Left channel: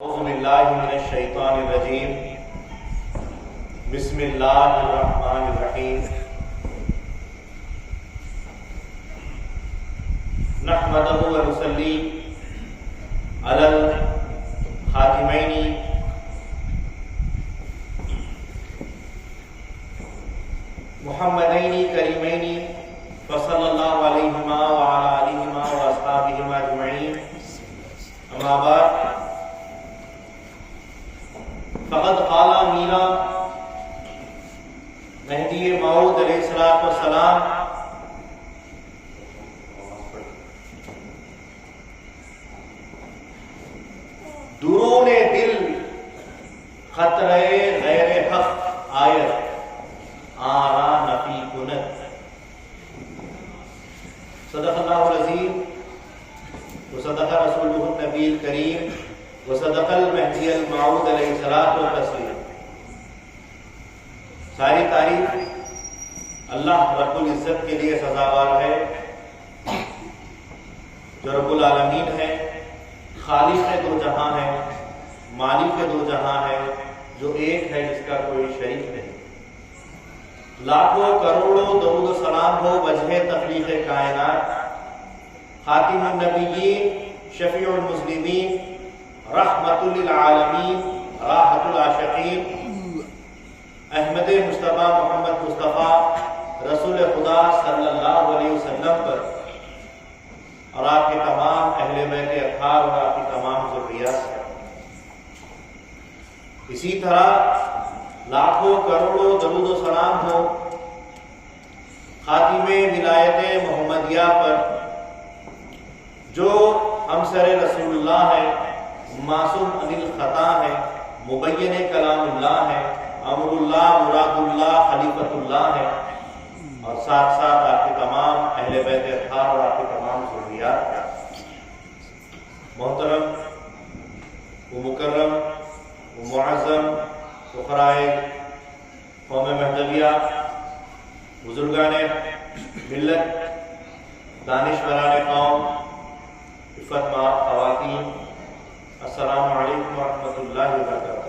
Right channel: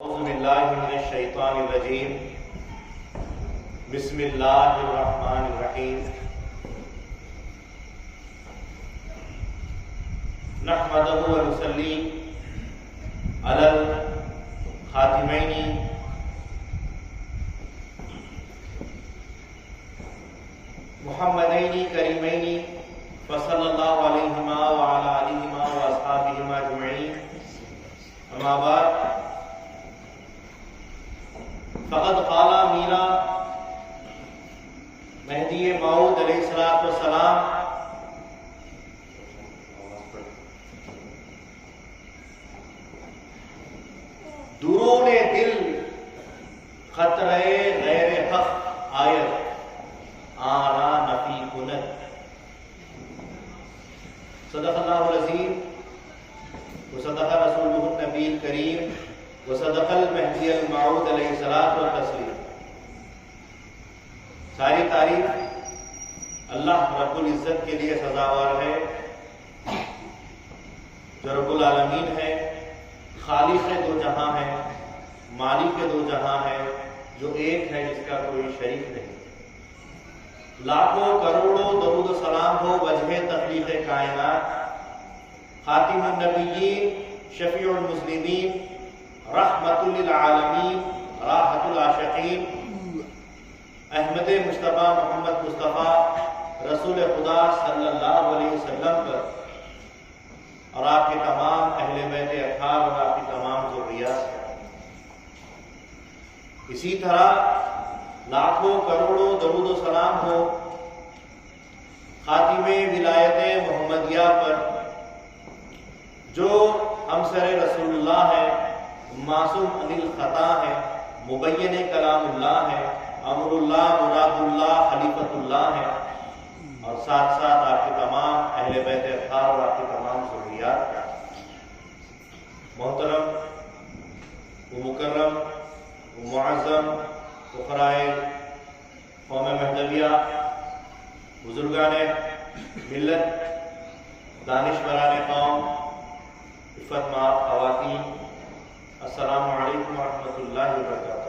اعوذ باللہ من الشیطان الرجیم بسم اللہ الرحمن الرحیم نحمدہ ونصلی علی الخاتمین محمدین کریمین فصلی اللہ علیہما وعلی آلہما واصحابہما اجمعین اما بعد فقد قال میرا مہدی موعود علیہ السلام درون دل خطرے غیر حق آیت آرا نفی کنت صدق اللہ العظیم وصدق رسولہ النبی الکریم وصدق المہدی الموعود علیہ الصلوۃ والتسلیم۔ ساری تعریف اللہ رب العزت کے لیے سزاوار ہے جو رب العالمین ہے، خالق دو جہاں ہے، مالک دو جہاں ہے، جو ایک ہے جس کا کوئی شریک نہیں۔ لاکھوں کروڑوں درود و سلام ہو وجہ تخلیق کائنات، خاتم النبیین، شفیع المسلمین، رحمت للعالمین، راحت العاشقین، احمد مصطفیٰ محمد مصطفیٰ رسول خدا صلی اللہ علیہ وسلم پر اور آپ کے تمام اہل بیت اطہار اور آپ کی تمام ذریات پر۔ اسی طرح لاکھوں کروڑوں درود و سلام ہو خاتم ولایت محمدیہ پر جو ہمسر رسول اللہ ہے، معصوم عن الخطا ہے، مبین کلام اللہ ہے، امر اللہ، مراد اللہ، خلیفۃ اللہ ہے، اور ساتھ ساتھ آپ کے تمام اہل بیت اطہار اور آپ کے تمام ذریات ہیں۔ محترم و مکرم و معظم فقرائے قوم مہدویہ، بزرگان ملت، دانشوران قوم، عفت مآب خواتین، السلام علیکم ورحمۃ اللہ وبرکاتہ۔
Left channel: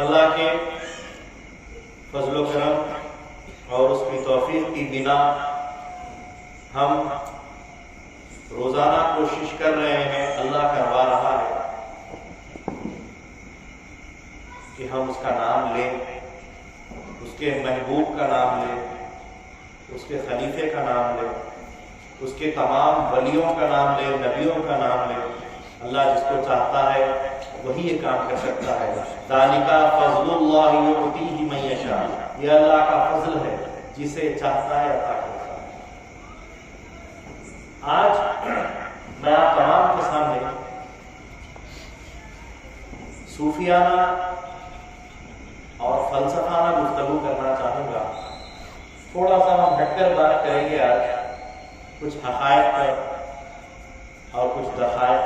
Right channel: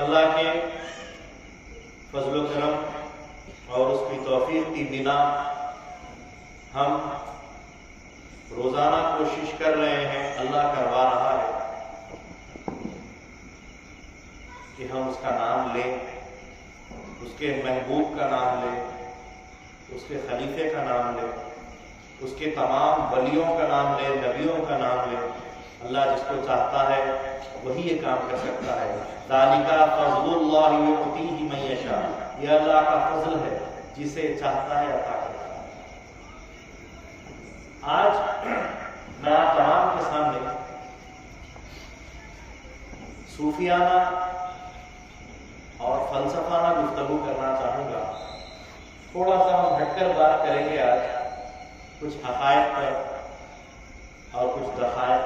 اللہ کے فضل و کرم اور اس کی توفیق کی بنا ہم روزانہ کوشش کر رہے ہیں، اللہ کروا رہا ہے کہ ہم اس کا نام لیں، اس کے محبوب کا نام لیں، اس کے خلیفے کا نام لیں، اس کے تمام ولیوں کا نام لے، نبیوں کا نام لے۔ اللہ جس کو چاہتا ہے وہی یہ کام کر سکتا ہے۔ ذالک فضل اللہ یؤتیہ من یشاء، یہ اللہ کا فضل ہے، جسے چاہتا ہے عطا کرتا ہے۔ آج میں آپ تمام کے سامنے صوفیانہ اور فلسفانہ گفتگو کرنا چاہوں گا۔ تھوڑا سا ہم ہٹ کر بات کریں گے آج کچھ حقائق پر اور کچھ دقائق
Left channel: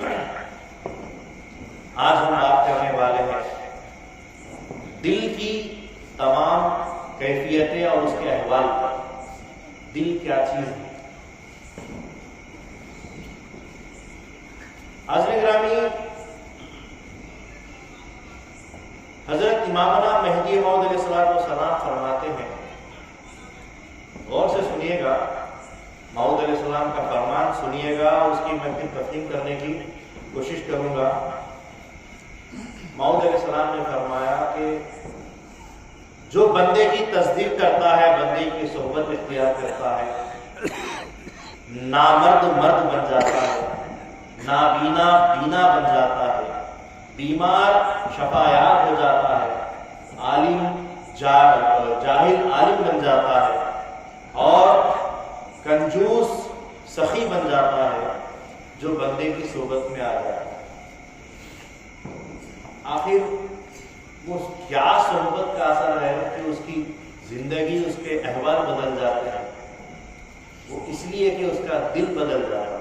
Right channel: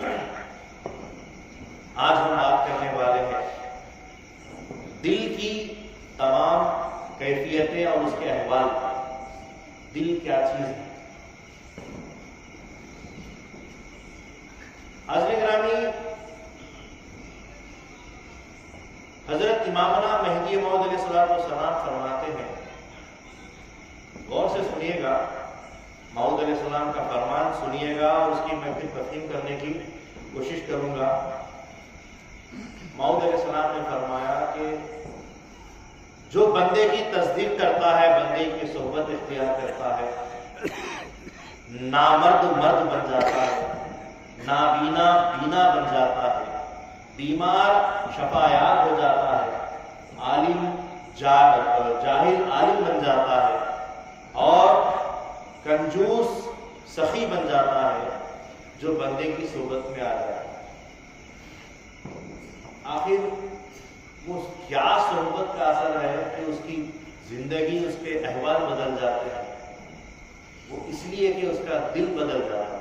پر۔ آج ہم بات کرنے والے ہیں دل کی تمام کیفیتیں اور اس کے احوال پر۔ دل کیا چیز ہے؟ حاضرین گرامی، حضرت امامنا مہدی موعود علیہ السلام فرماتے ہیں، غور سے سنیے گا، موعود علیہ السلام کا فرمان سنیے گا اور اس کی میں پھر تفہیم کرنے کی کوشش کروں گا۔ موعود علیہ السلام نے فرمایا کہ جو بندے کی تصدیق کرتا ہے، بندے کی صحبت اختیار کرتا ہے، نامرد مرد بن جاتا ہے، نابینا بینا بن جاتا ہے، بیمار شفایاب ہو جاتا ہے، عالم جاہل عالم بن جاتا ہے، اور کنجوس سخی بن جاتا ہے، جو بندے کی صحبت میں آ جاتا ہے۔ آخر وہ کیا صحبت کا اثر ہے کہ اس کی زندگی، اس کے احوال بدل جاتے ہیں؟ وہ اس لیے کہ اس کا دل بدل جاتا ہے۔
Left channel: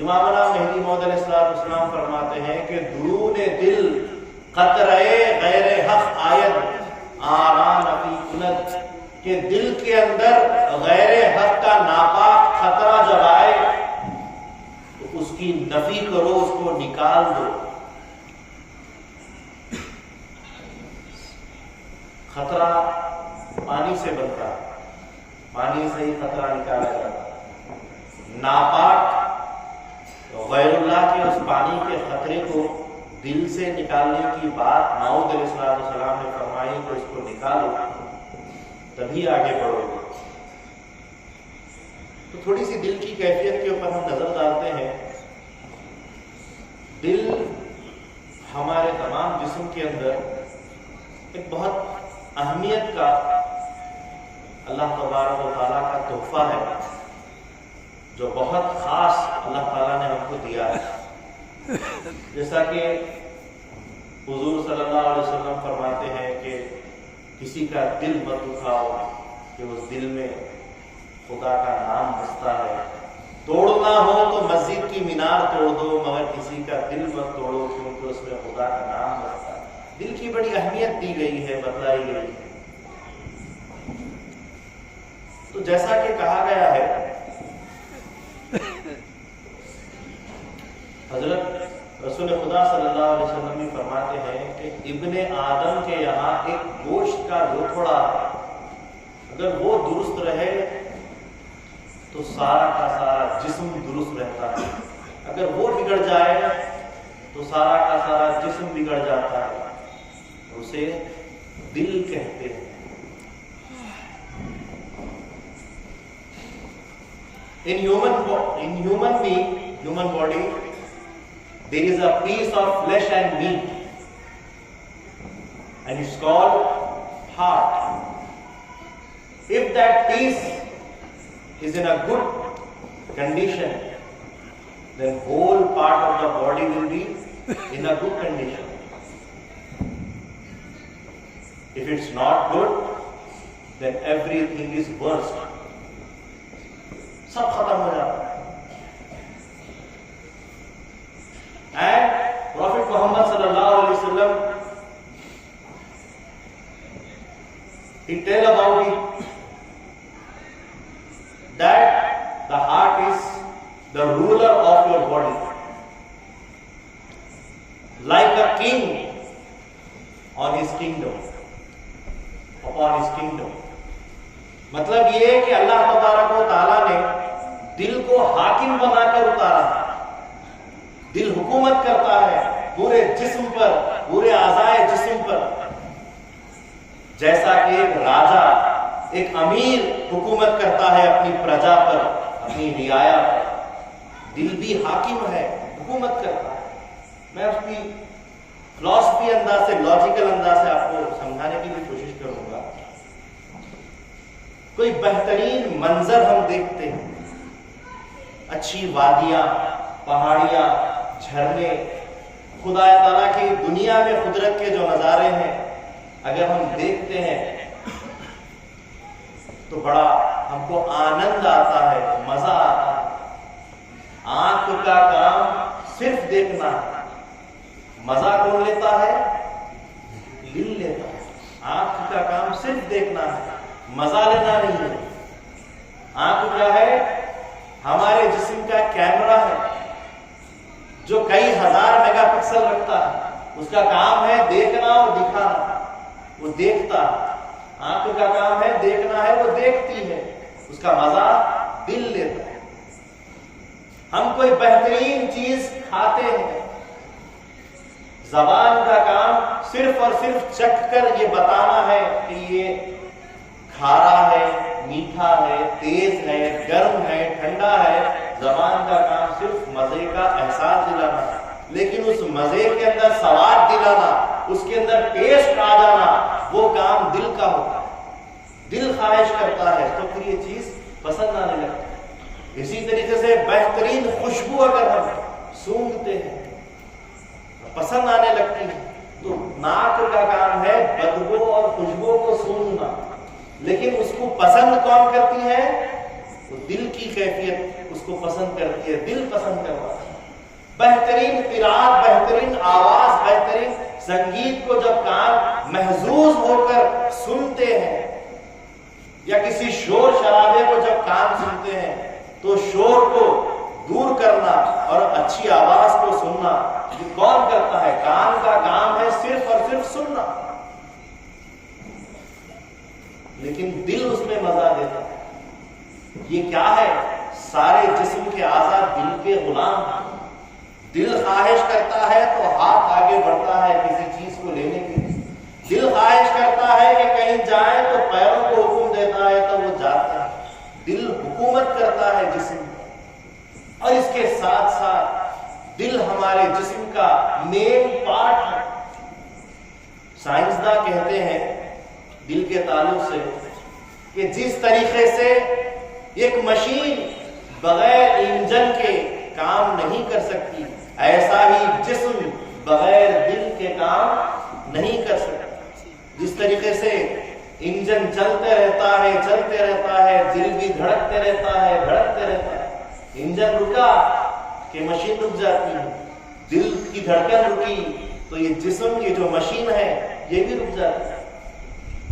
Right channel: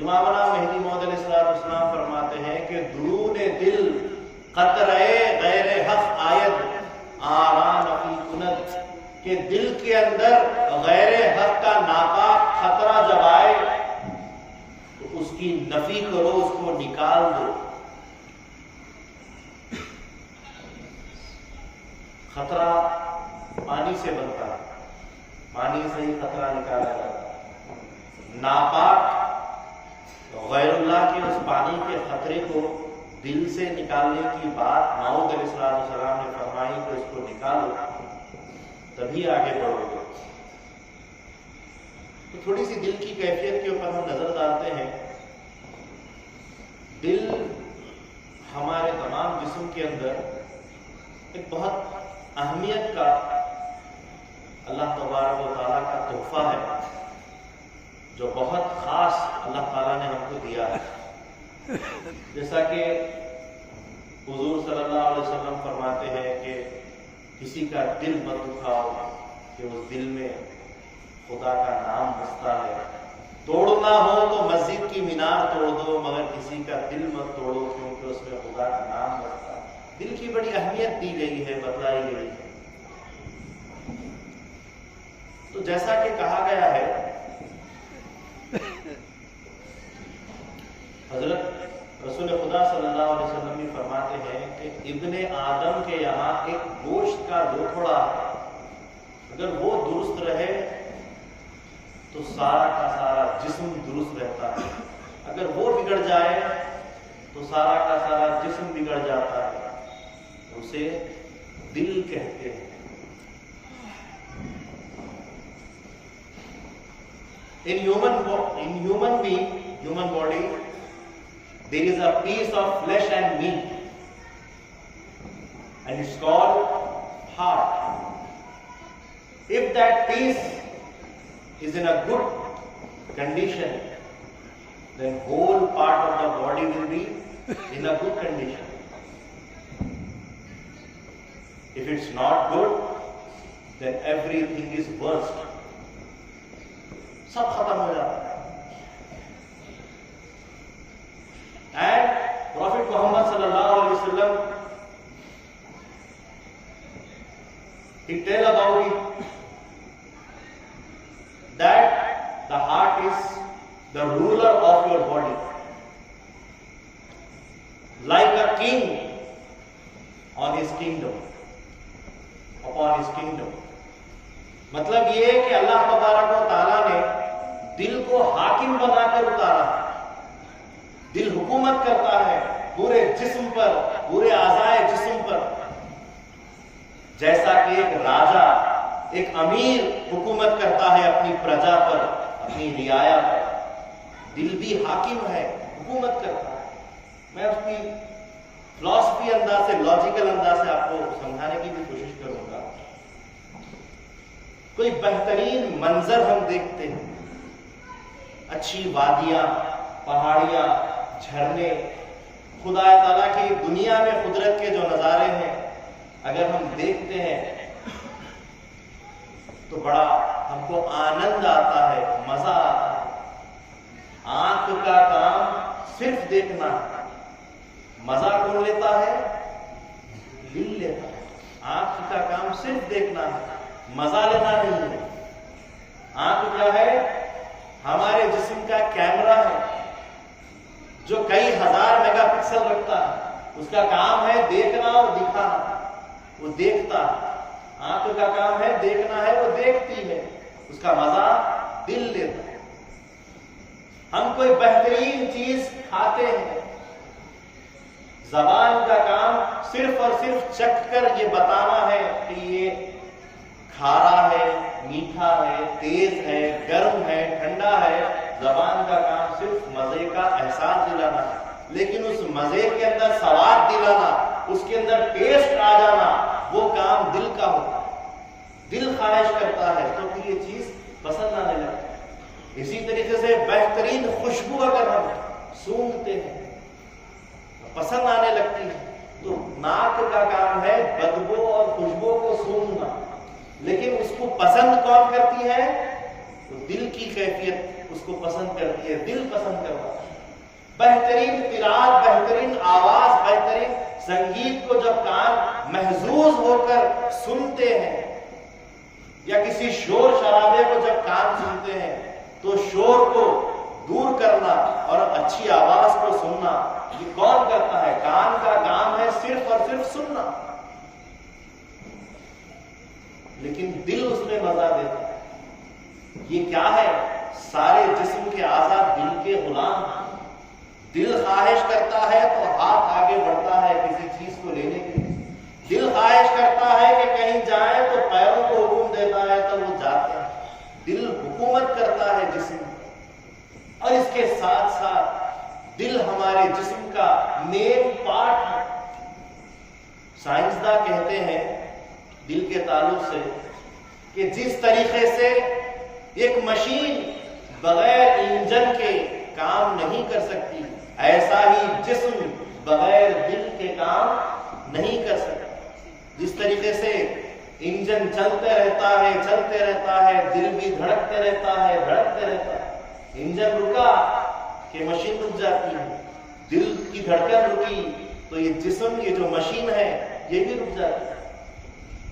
امامنا مہدی موعود علیہ السلام فرماتے ہیں کہ درون دل قطرے غیر حق آیت آرا نفی کنت، کہ دل کے اندر غیر حق کا ناپاک خطرہ جب آئے تو اس کی نفی کرو، اس کو نکال دو۔ خطرہ پانی سے بنتا ہے، پانی سے ہی خطرہ نکالا جاتا ہے۔ ناپاک غیر اللہ کے اس پانی کے خطرے کو دل سے نکالنے کی بات ماؤد علیہ السلام نے فرمائی کہ اس کو نکالو تبھی آگے بڑھو گے۔ تو تھوڑی سی دل کی کیفیت کے اوپر ہم نظر ڈالتے ہیں۔ دل ہمارے تمام جسم کے اندر ایک بہت اہمیت کا اللہ تبارک و تعالیٰ کا تحفہ ہے، جو بہت خاص اللہ تعالیٰ نے ہم کو دیا ہے۔ جیسا کہ حضور صلی اللہ علیہ وسلم فرماتے ہیں کہ کسی کا دل مت دکھاؤ کہ اس دل میں خدا کا نام بستا ہے۔ توڑنا ہو تو مسجد کی مینار توڑ دو، مگر کسی کا دل مت توڑو کیونکہ اس میں خدا کا نام بستا ہے۔ دل کی بڑی اہمیت دی گئی ہے، بتلائی گئی ہے۔ تو جیسا کہ کہا گیا ہے، حضرت رسول خدا صلی اللہ علیہ وسلم بھی فرماتے ہیں کہ ابن آدم کے یہاں ایک گوشت کا لوتھڑا ہے، اگر وہ درست رہے تو سارا کا سارا جسم درست رہتا ہے، اگر وہ بگڑ جائے تو سارا کا سارا جسم بگڑ جاتا ہے۔ اسے دل کہتے ہیں۔ In human body, there is a piece of flesh and meat, and it's called heart. If that piece is in a good condition, then whole part of the body will be in a good condition. If it's not good, then everything is worst. سب ختم ہو جاتا ہے۔ And profit محمد صلی اللہ علیہ وسلم he tell about it that the heart is the ruler of your body, like a king on his kingdom, upon his kingdom. مطلب یہ ہے کہ اللہ تبارک و تعالیٰ نے دل کو حاکم بنا کر اتارا ہے۔ دل حکومت کرتا ہے پورے جسم پر، پورے اعضائے جسم پر، جیسا کہ ایک راجا، ایک امیر حکومت کرتا ہے اپنی پرجا پر، اپنی رعایا پر۔ دل بھی حاکم ہے، حکومت کرتا ہے۔ میں اس کی فلسفی انداز سے، لاجیکل انداز سے آپ کو سمجھانے کی بھی کوشش کروں گا۔ کوئی بہترین منظر ہم دیکھتے ہیں، اچھی وادیاں، پہاڑیاں، جھرنے، خدا تعالیٰ کی دنیا میں قدرت کے جو نظارے ہیں اگر ہم دیکھتے ہیں تو بڑا ہم کو آنند آتا ہے، مزہ آتا ہے۔ آنکھ کا کام صرف دیکھنا ہے، مزہ کون لیتا ہے؟ دل لیتا ہے۔ آنکھ کا کام صرف دیکھنا ہے، مزہ لینا نہیں ہے۔ آنکھ کیا ہے؟ ہمارے جسم کا کیمرہ ہے جو کئی ہزار میگا پکسل رکھتا ہے۔ اس کا کام ہے دیکھنا اور دکھانا، وہ دیکھتا ہے۔ آنکھ کا کام ہے دیکھنا ہے، وہ دیکھتی ہے، اس کا مزہ دل لیتا ہے۔ ہم کوئی بہترین چیز کھاتے ہیں، زبان کا کام صرف اور صرف چکھ کر یہ بتانا ہے کہ یہ کھارا ہے، میٹھا ہے، تیز ہے، گرم ہے، ٹھنڈا ہے۔ زبان کا کام صرف مزے کا احساس دلانا ہے، لیکن اس مزے کے اندر سواد دلانا، اس کے اندر ٹیسٹ آ جانا، وہ کام دل کا ہوتا ہے۔ دل خواہش کرتا ہے تو پھر یہ چیز پسند آنے لگتی ہے۔ اسی طریقے سے بہترین خوشبو اگر ہم سونگھتے ہیں پسند آنے لگتی ہے۔ تو ناک کا کام ہے بدبو اور خوشبو کو سونگھنا، لیکن اس کو پسند کون کرتی ہے؟ تو دل کی کیفیت اس کو پسند کرتی ہے، دل پسند کرتا ہے۔ بہترین قرات، بہترین آواز، بہترین سنگیت کو جب کان محظوظ ہو کر سنتے ہیں یا کسی شور شرابے کو جب کان سنتے ہیں تو شور کو دور کرنا اور اچھی آواز کو سننا یہ کون کرتا ہے؟ کان کا کام ہے صرف اور صرف سننا، لیکن دل اس میں مزہ دیتا ہے۔ یہ کیا ہے؟ سارے جسم کے اعضاء دل کے غلام ہیں۔ دل خواہش کرتا ہے تو ہاتھ آگے بڑھتا ہے کسی چیز کو لینے کے لیے، دل خواہش کرتا ہے کہ کہیں جائیں تو پیروں کو حکم دیتا ہے تو وہ جاتے ہیں۔ دل حکومت کرتا ہے جسم، اور اس کے ساتھ ساتھ دل ہمارے جسم کا مین پارٹ ہے۔ سائنسداں کہتے ہیں دل کے تعلق سے کہ جس طریقے سے ایک مشین بغیر انجن کے کام نہیں کر سکتی، ایسا ہی جسم بغیر دل کے کام نہیں کر سکتا۔ جس طریقے سے انجن چلتے رہتا ہے، دل بھی دھڑکتے رہتا ہے۔ انجن رکا کہ مشین رک جاتی ہے، دل کی دھڑکن رکی تو یہ جسم، یہ جو مشین ہے یہ بھی رک جاتی ہے۔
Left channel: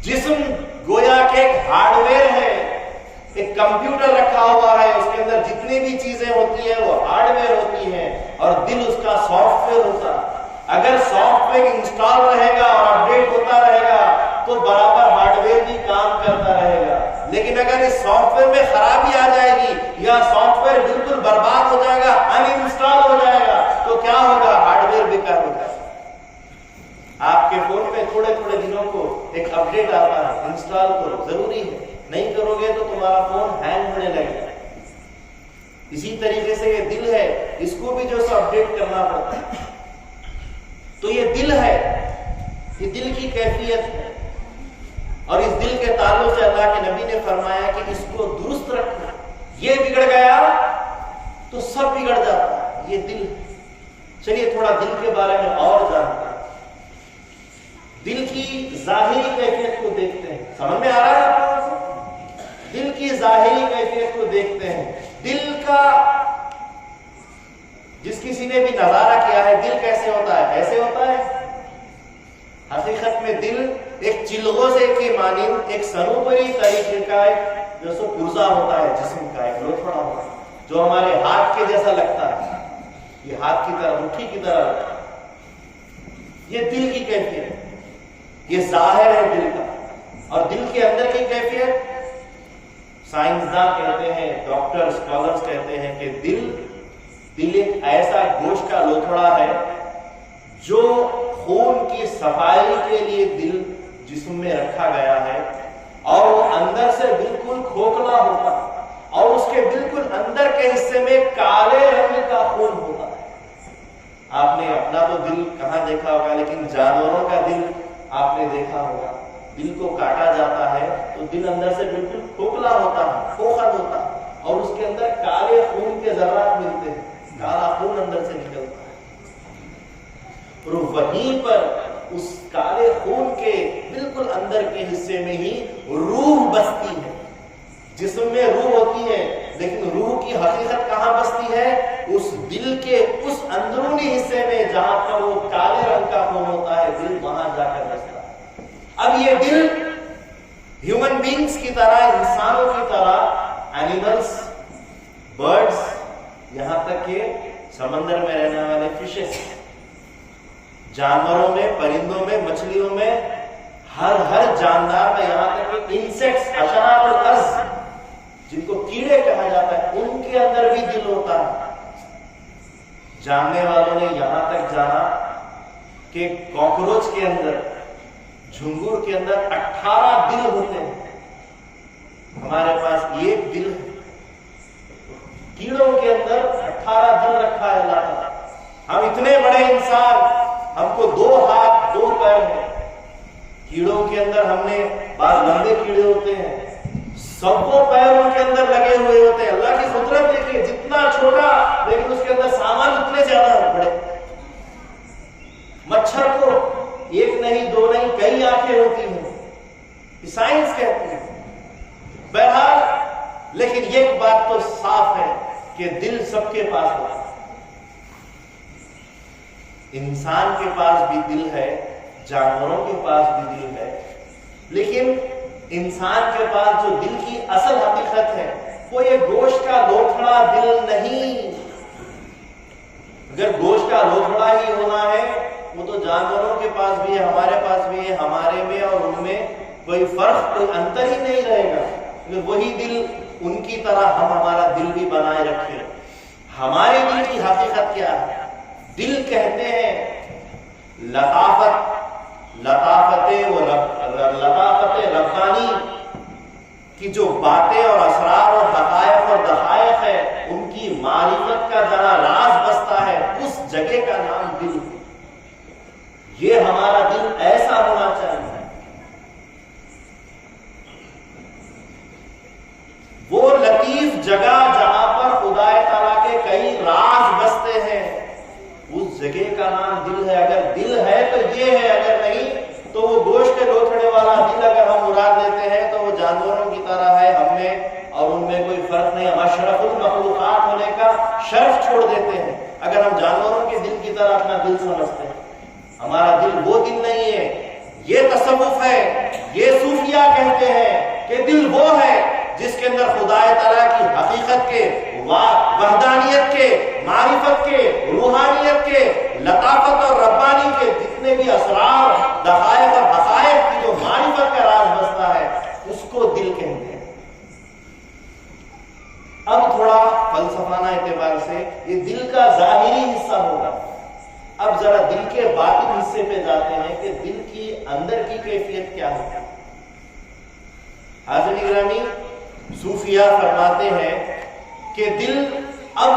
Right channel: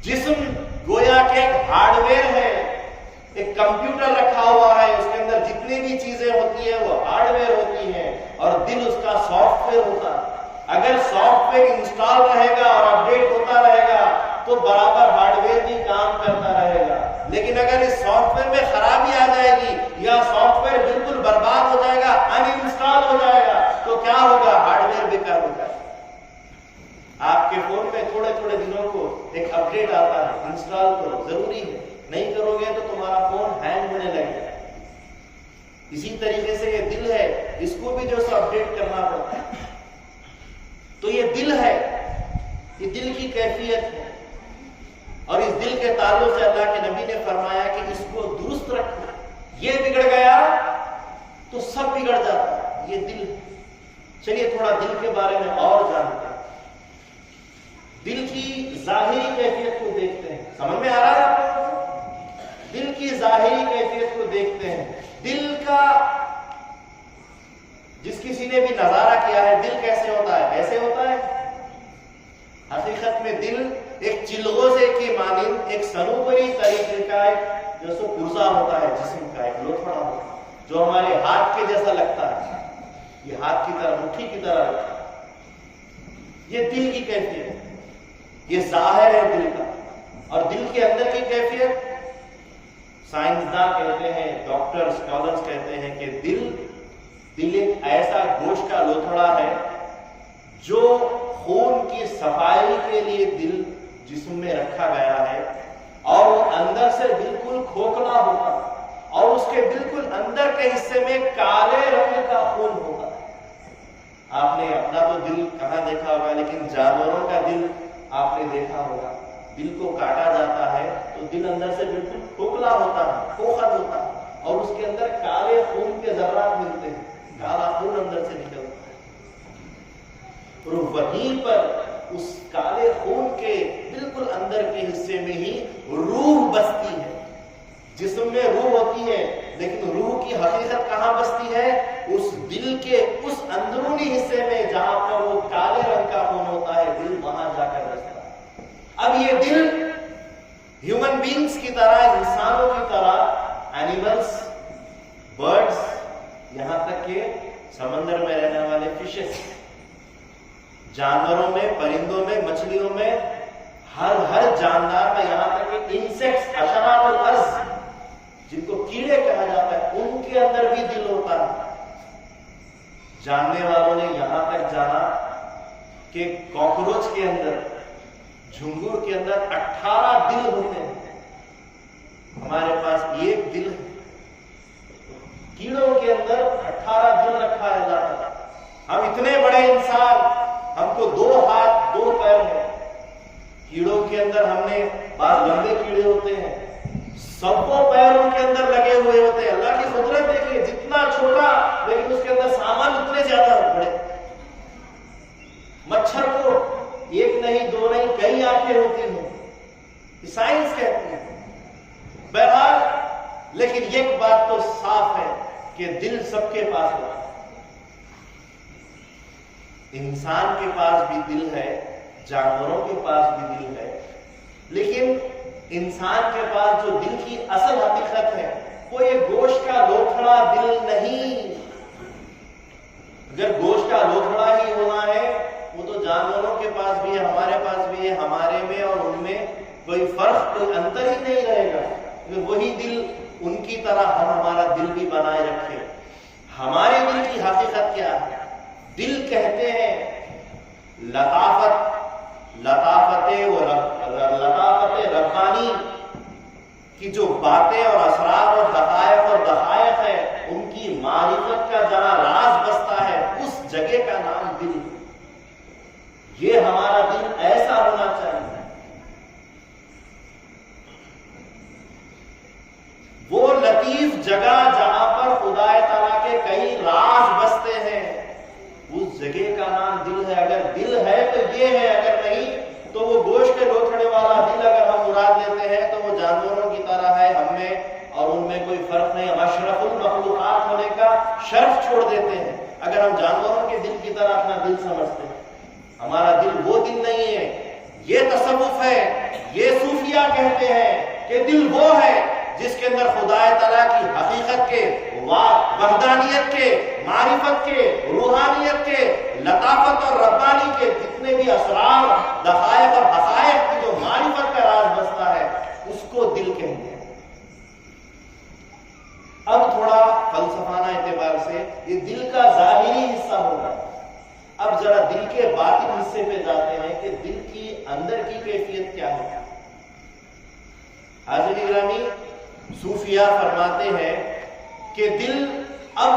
جسم گویا کہ ایک ہارڈ ویئر ہے، ایک کمپیوٹر رکھا ہوا ہے، اس کے اندر جتنی بھی چیزیں ہوتی ہیں وہ ہارڈ ویئر ہوتی ہیں، اور دل اس کا سافٹ ویئر ہوتا ہے۔ اگر سافٹ ویئر انسٹال رہے گا اور اپڈیٹ ہوتا رہے گا تو برابر ہارڈ ویئر بھی کام کرتا رہے گا، لیکن اگر اس سافٹ ویئر میں خرابی آ جائے گی یا سافٹ ویئر بالکل برباد ہو جائے گا، ان انسٹال ہو جائے گا، تو کیا ہوگا؟ ہارڈ ویئر بیکار ہو جائے گا۔ آپ کے فون میں تھوڑے تھوڑے دنوں کو ایک اپڈیٹ آتا ہے، انسٹال کرو، ضروری ہے، نہیں کرو گے تو تمہارا فون ہینگ ہونے لگے گا۔ اسی طریقے سے یہ دل ہے، اس کو بھی جو سو اپڈیٹ کرنا پڑتا ہے۔ تو یہ دل ہے، یہ دل کی کیفیت ہے، اور اس دل کے تعلق سے اللہ کے نبی نے فرمایا کہ اس کو درست رکھو، یہ بگڑ گیا تو سب بگڑ جاتا ہے، یہ دل ہے۔ چلیے تھوڑا دل کے بارے میں اور جانتے ہیں، دل کی ظاہری کیفیت کو دیکھتے ہیں۔ سمجھ میں آ رہا ہے آپ کو؟ دل کی ظاہری کیفیت کو دیکھتے ہیں۔ دل کا جس کسی نے بھی نظارہ کیا ہے دل کیسے ہوتا ہے؟ ایسے ہوتا ہے۔ حقیقت میں دل ایک چلغوزے کی مانند ایک سنوبری طریقے کا ایک جو سو پرزا ہوتا ہے، جسم کا ایک لوتھڑا ہوتا ہے جو ہمارے ہاتھ کے جیسا لگتا ہے، یہ ہاتھ کی طرح، مٹھی کی طرح لگتا ہے۔ یہ دل کی کیفیت ہے، یہ ظاہر ہے دل کا۔ اور دل کے اندر کی کیفیت سائنسداں کہتے ہیں، ڈاکٹر اسکالرز کہتے ہیں کہ دل ایک ایسا گوشت کا لوتھڑا ہے جو خون کی صفائی کے لیے دل جسم میں رکھا گیا ہے، اور وہ اندر سے بالکل کھوکھلا ہوتا ہے، اور اس کے بالکل اندر کے حصے میں کالے رنگ کا خون ہوتا ہے۔ آپ نے اپنا تو دل کہاں دیکھا ہوگا، لیکن جانوروں کا دل آپ نے دیکھا ہوگا۔ دل کو کاٹا جاتا ہے تو دل اندر سے بالکل کھوکھلا ہوتا ہے، کھوکھل ہوتا ہے، اور اس کے اندر کالے خون کے ذرات ملتے ہیں، کالا خون اندر سے نکلتا ہے، اور وہیں پر اس کالے خون کے بالکل اندر کے حصے میں ہی روح بستی ہے۔ جسم میں روح ہوتی ہے، لیکن روح کی حقیقت کہاں بستی ہے؟ اس دل کے اس اندرونی حصے میں جہاں پر وہ کالے رنگ کا خون ہوتا ہے، دل وہاں جا کر بستا ہے۔ اب یہ دل ہیومن بینگز کی طرح، انسانوں کی طرح، اینیملز، برڈز، یہاں تک کہ سمندر میں رہنے والے فشز، جانوروں میں، پرندوں میں، مچھلیوں میں، ہر جاندار میں، یہاں تک کہ انسیکٹس، حشرات الارض جن کو کیڑے کہا جاتا ہے، ان کے اندر بھی دل ہوتا ہے۔ جاننے والوں نے یہاں تک جانا کہ کاکروچ کے اندر، جھنگور کے اندر 18 دل ہوتے ہیں، ہمارے پاس ایک دل ہے۔ کیڑوں کے اندر 18 دل رکھا ہے اللہ تعالیٰ۔ ہم اتنے بڑے انسان، ہم کو 2 ہاتھ 2 پیر ہیں، کیڑوں کے اندر ہم نے بعض لمبے کیڑے ہوتے ہیں، سب کو پیروں کے اندر لگے ہوئے ہوتے ہیں۔ اللہ کی قدرت دیکھیے، جتنا چھوٹا لیکن اس کے اندر سامان اتنے زیادہ بڑے۔ مچھر کو 1 نہیں 2 نہیں کئی آنکھیں ہوتی ہیں، یہ سائنس کہتی ہے۔ بہرحال لیکن ایک بات تو صاف ہے کہ دل سب کے پاس ہوتا ہے۔ انسان کے پاس بھی دل ہے، جانوروں کے پاس بھی دل ہے، لیکن انسان کے پاس جو دل کی اصل حقیقت ہے وہ یہ گوشت کا لوتھڑا دل نہیں. اگر گوشت کا لوتھڑا ہی ہونا ہے وہ تو جانوروں کے پاس بھی ہے، ہمارے پاس بھی ہے، ہمارے میں اور ان میں کوئی فرق، کوئی انتر ہی نہیں رہے گا. اگر وہی دل ان کی طرح ہم ہمارا دل بھی بنائے رکھے. ہمارے دل کی حقیقت کیا ہے؟ دل کہتے ہیں لطافت ربانی کی جو باتیں اور اسرار اور حقائق اور دقائق ہے ان کی معرفت کا جہاں راز بستا ہے اس جگہ کا نام دل. یہ ہمارا دل ایسا ہونا چاہیے. وہ لطیف جگہ جہاں پر خدا تعالیٰ کے کئی راز بستے ہیں اس جگہ کا نام دل ہے. اگر دل ہے تو یہ ہے، اگر نہیں تو وہ گوشت کے لوتھڑے والا دل اگر ہم مراد لیتے ہیں تو وہ جانوروں کی طرح ہے، ہم میں اور ان میں کوئی فرق نہیں. ہم اشرف المخلوقات ہونے کا شرف چھوڑ دیتے ہیں اگر ہم جانوروں کے دل کی طرح اپنا دل سمجھتے ہیں. ہمارا دل وہ دل نہیں ہے. یہ تصوف ہے، یہ صوفیہ کہتے ہیں کہ دل وہ ہے جس کے اندر خدا تعالیٰ کی حقیقت کے، وحدانیت کے، معرفت کے، روحانیت کے، لطافت اور ربانی کے جتنے بھی اسرار، دقائق اور حقائق کی جو معرفت کا راز بستا ہے اس کو دل کہتے ہیں. اب تھوڑا فلسفانہ اعتبار سے یہ دل کا ظاہری حصہ ہوگا. اب ذرا دل کے باطن حصے پہ جاتے ہیں کہ دل کی اندر کی کیفیت کیا ہے. حاضرین گرامی، صوفیہ فرماتے ہیں کہ دل اب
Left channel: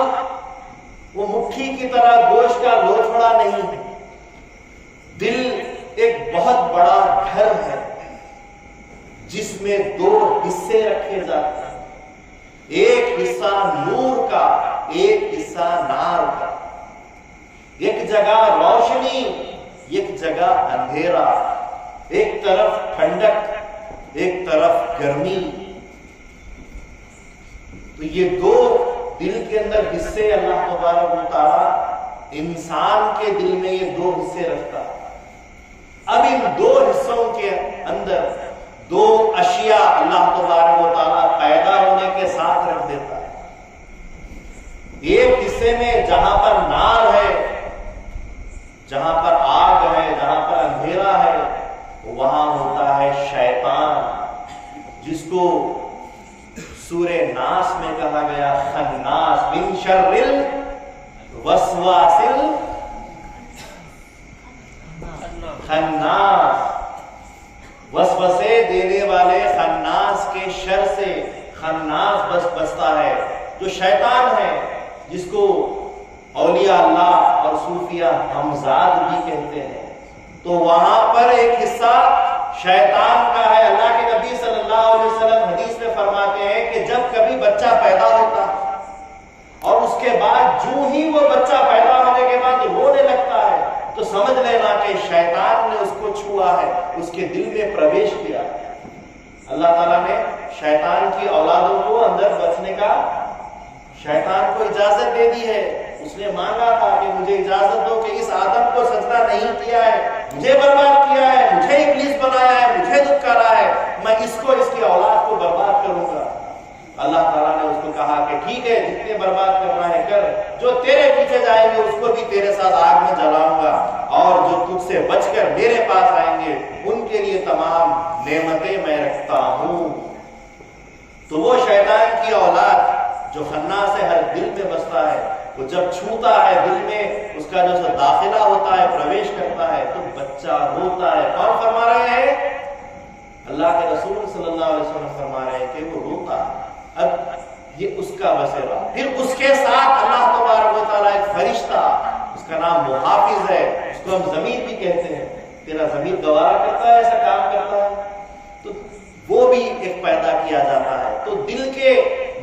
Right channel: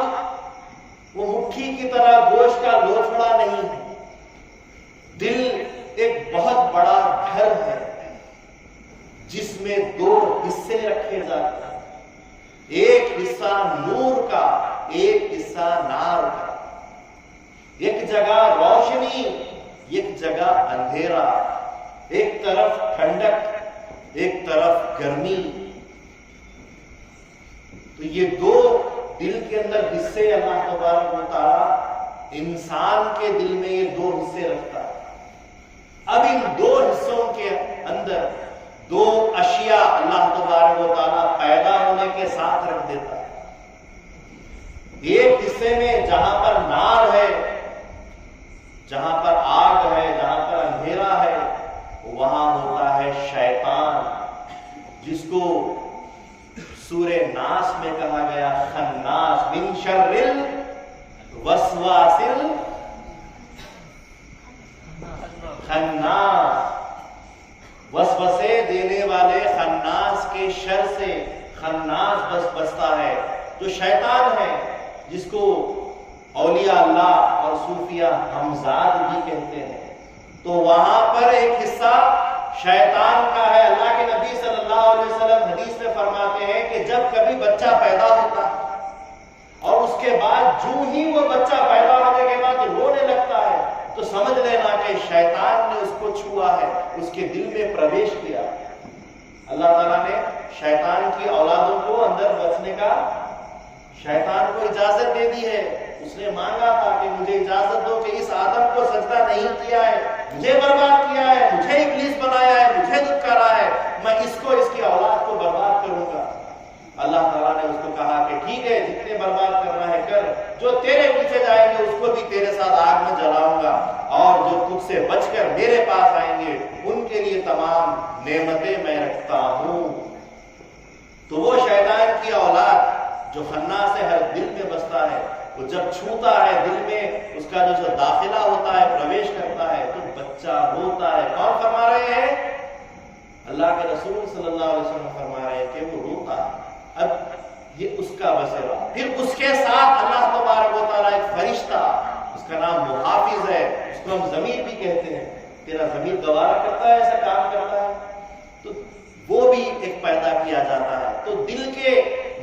وہ مٹھی کی طرح گوشت کا لوتھڑا نہیں ہے. دل ایک بہت بڑا گھر ہے جس میں دو حصے رکھے جاتے ہیں. ایک حصہ نور کا، ایک حصہ نار کا. ایک جگہ روشنی، ایک جگہ اندھیرا. ایک طرف ٹھنڈک، ایک طرف گرمی. تو یہ دو دل کے اندر حصے اللہ تبارک و تعالی انسان کے دل میں یہ دو حصے رکھتا ہے. اب ان دو حصوں کے اندر دو اشیاء اللہ تبارک و تعالی پیدا ہونے کے ساتھ رکھ دیتا ہے. ایک حصے میں جہاں پر نار ہے، جہاں پر آگ ہے، جہاں پر اندھیرا ہے، وہاں ہوتا ہے شیطان، جس کو سورہ ناس میں کہا گیا خناس، من شر الوسواس خناس، وسوسے دینے والے خناس کے شر سے خناس بستا ہے جو شیطان ہے، جس کو اولیاء اللہ اور صوفیہ ہمزاد بھی کہتے ہیں. تو وہاں پر ایک حصہ شیطان کا ہے. اللہ کے نبی صلی اللہ علیہ وسلم حدیث میں فرماتے ہیں کہ جب کبھی بچہ پیدا ہوتا ہے اور اس کے بعد جو ہی وہ بچہ پیدا ہونے کے بعد رونے لگتا ہے تو سمجھ لینا کہ شیطان نے اس کو چھوا ہے، اس کے دل میں پرویش کیا ہے. اللہ تعالیٰ نے شیطان کی اولادوں کو اندر بچنے کا شیطان کو اجازت دے دی ہے. اس نے مانگا تھا کہ مجھے اجازت دو کہ اس آدم کو سجدہ نہیں کیا ہے، مجھے برباد کیا ہے، مجھے ابلیس بنایا ہے، مجھے دھتکارا ہے، میں اس کو، اس کی اولاد کو برباد کروں گا. اللہ تعالیٰ نے اس کو کہا کہ ٹھیک ہے، جتنے برباد کرنا ہے کر، جو تیرے پیچھے جائیں گے اس کو بھی تیرے ساتھ آگ میں جلاؤں گا، اور جو تجھ سے بچ کر میرے پاس آئیں گے ان کے لیے تمام نعمتیں میں رکھتا ہوں. تو وہ شیطان کی اولاد جو خناس ہے، ہر دل میں بستا ہے، وہ جب چھوتا ہے دل میں، اس کا جو داخلہ ہوتا ہے، پرویش کرتا ہے تو بچہ روتا ہے. کون فرما رہے ہیں؟ اللہ کے رسول صلی اللہ علیہ وسلم فرما رہے ہیں کہ وہ روتا ہے. اب یہ اس کا بسیرا. پھر اس کے ساتھ اللہ تبارک و تعالیٰ ایک فرشتہ، اس کا نام محافظ ہے، اس کو ہم ضمیر بھی کہتے ہیں. تیرا ضمیر گوارا کرتا ہے، ایسا کام کرتا ہے، تو وہ بھی ایک پیدا کیا جاتا ہے. تو دل کے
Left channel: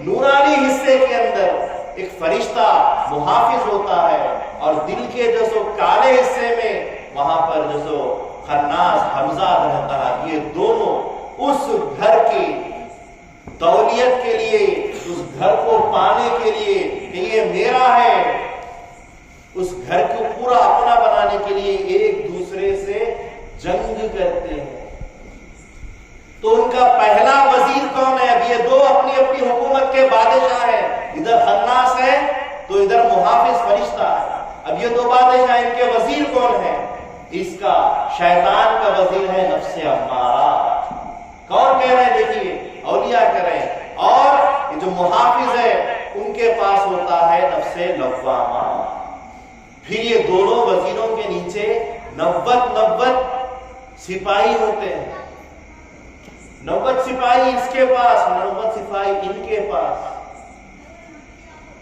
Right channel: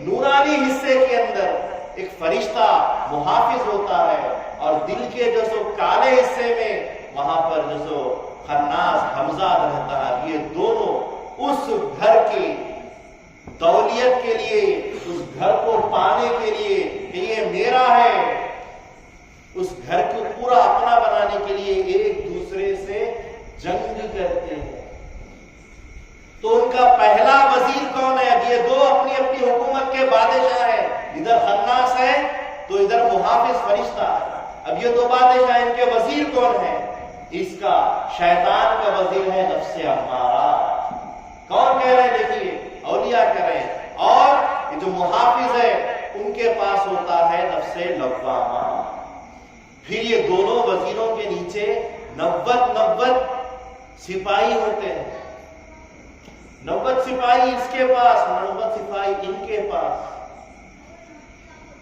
نورانی حصے کے اندر ایک فرشتہ محافظ ہوتا ہے، اور دل کے جو سو کالے حصے میں وہاں پر جو سو خناس ہمزاد رہتا ہے. یہ دونوں اس گھر کی تولیت کے لیے، اس گھر کو پانے کے لیے کہ یہ میرا ہے، اس گھر کو پورا اپنا بنانے کے لیے ایک دوسرے سے جنگ کرتے ہیں. تو ان کا پہلا وزیر کون ہے؟ اب یہ دو اپنی اپنی حکومت کے بادشاہ ہیں، ادھر خناس ہے تو ادھر محافظ فرشتہ ہے۔ اب یہ دو بادشاہ، ان کے وزیر کون ہیں؟ اس کا شیطان کا وزیر ہے نفس امارہ۔ کون کہہ رہے ہیں؟ دیکھیے اولیاء کہہ رہے ہیں، اور یہ جو محافظ ہے ان کے پاس ہوتا ہے نفس لوامہ۔ پھر یہ دونوں وزیروں کے نیچے 90 سپاہی ہوتے ہیں، 90 سپاہی اس کے پاس، 90 سپاہی ان کے پاس۔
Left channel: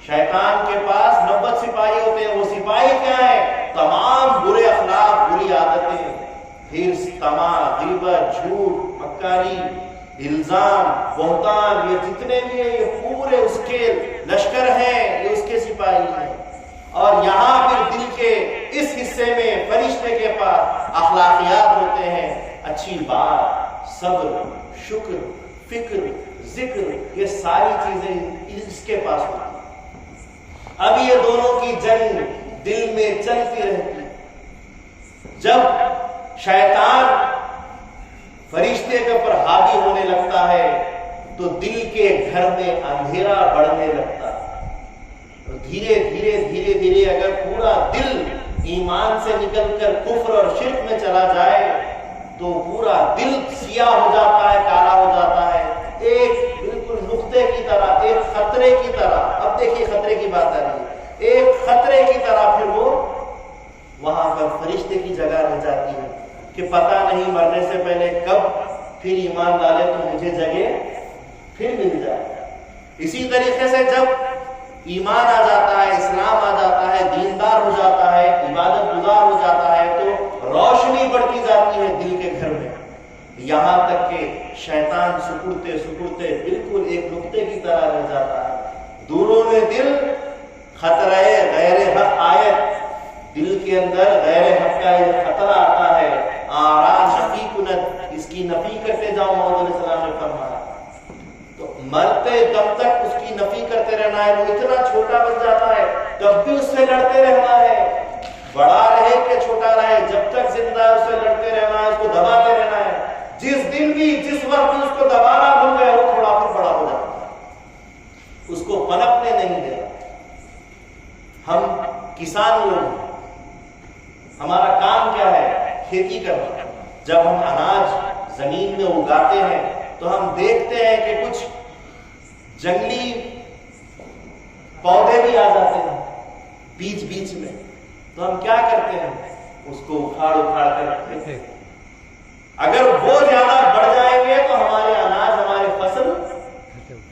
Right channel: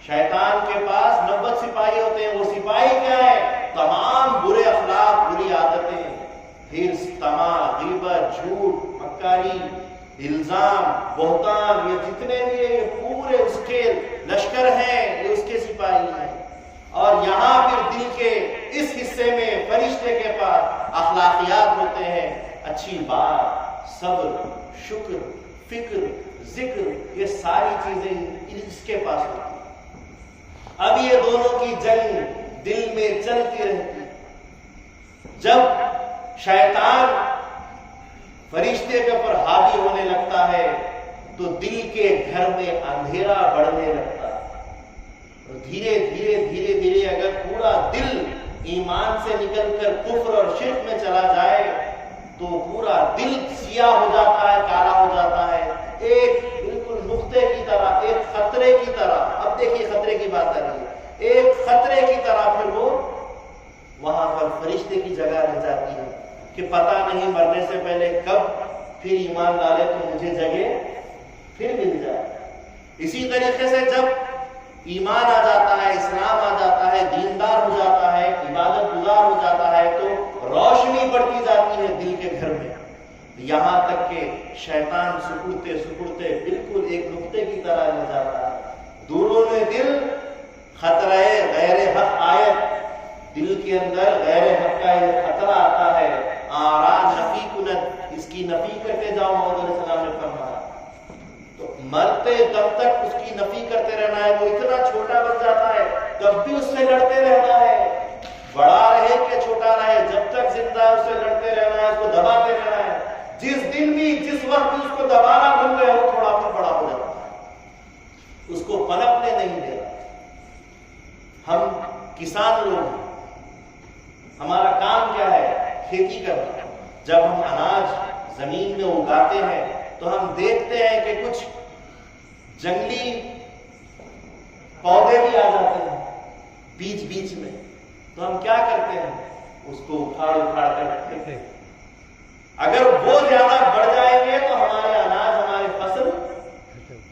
شیطان کے پاس 90 سپاہی ہوتے ہیں۔ وہ سپاہی کیا ہیں؟ تمام برے اخلاق، بری عادتیں، پھر طمع، غیبت، جھوٹ، مکاری، الزام، بہتان، یہ جتنے بھی ہیں یہ پورے اس کے لشکر ہیں، یہ اس کے سپاہی ہیں۔ اور یہاں پھر دل کے اس حصے میں فرشتے کے پاس اخلاقیات ہوتے ہیں، اچھی بات، صبر، شکر، فکر، ذکر، یہ ساری چیزیں اس کے پاس ہوتی ہیں۔ اب یہ دونوں کی جنگ دل میں چلتی رہتی۔ جب شیطان فرشتے کے اوپر حاوی ہونے لگتا ہے تو دل کے گھر میں اندھیرا بڑھنے لگتا ہے، اور دھیرے دھیرے دھیرے دھیرے اگر پورا دل ایمان سے نکل کر کفر اور شرک میں چلا جائے تو پورا دل سیاہ ہو جاتا ہے، کالا ہو جاتا ہے، ایک بالکل نقطے کی طرح، ایک خطرے کی طرح۔ اب دیکھیے خطرے کی بات آ رہی ہے، ایک خطرے کی طرح پھر وہ وہاں پر فرشتے کی جگہ رہ جاتی ہے کہ پتہ نہیں مرنے سے پہلے کب پھر ایمان ڈالے تو مجھے جگہ پھر مل جائے۔ اسی طریقے سے جب ایمان آ جاتا ہے، اسلام آ جاتا ہے، دیندار ہو جاتا ہے، عبادت گزار ہو جاتا ہے تو روشنی بڑھتی جاتی ہے دل کے گھر میں، یہاں تک کہ شیطان سکڑتے سکڑتے بالکل ایک نقطے کی طرح رہ جاتا ہے۔ دوروں نے دل خطرہ غیر حق آیت، دل کے اندر غیر حق کا یہ خطرہ آتا ہے، آرا نفی کنت، اس کی نفی کرتے جاؤ، محمد علیہ السلام نے فرمایا۔ تو مرتے دم تک اس کی نفی کرتے رہنا ہے، وہ اتنا چھوٹا بن جاتا ہے تب بھی اس سے لڑتے رہنا ہے، بڑا رہے کہ چھوٹا رہے، جب تک زندہ ہے اس سے لڑتے رہنا ہے، اس کو دباتے رہنا ہے۔ جس دن بھی، جس وقت بھی اس کو دبانا بھول گئے وہ تھوڑا پھر بڑا ہو جاتا ہے، اس کو پنپنے نہیں دینا۔ ہم کسان لوگ ہیں، ہمارا کام کیا ہے؟ کھیتی کرنا۔ جب ہم اناج زمین میں اگاتے ہیں تو ہم دیکھتے ہیں کہ کچھ جنگلی پودے بھی آ جاتے ہیں بیچ بیچ میں، تو ہم کیا کرتے ہیں؟ اس کو اکھاڑ کر پھینکتے ہیں۔ اگر وہ زیادہ بڑھ جائیں گے تو ہمارے اناج، ہماری فصل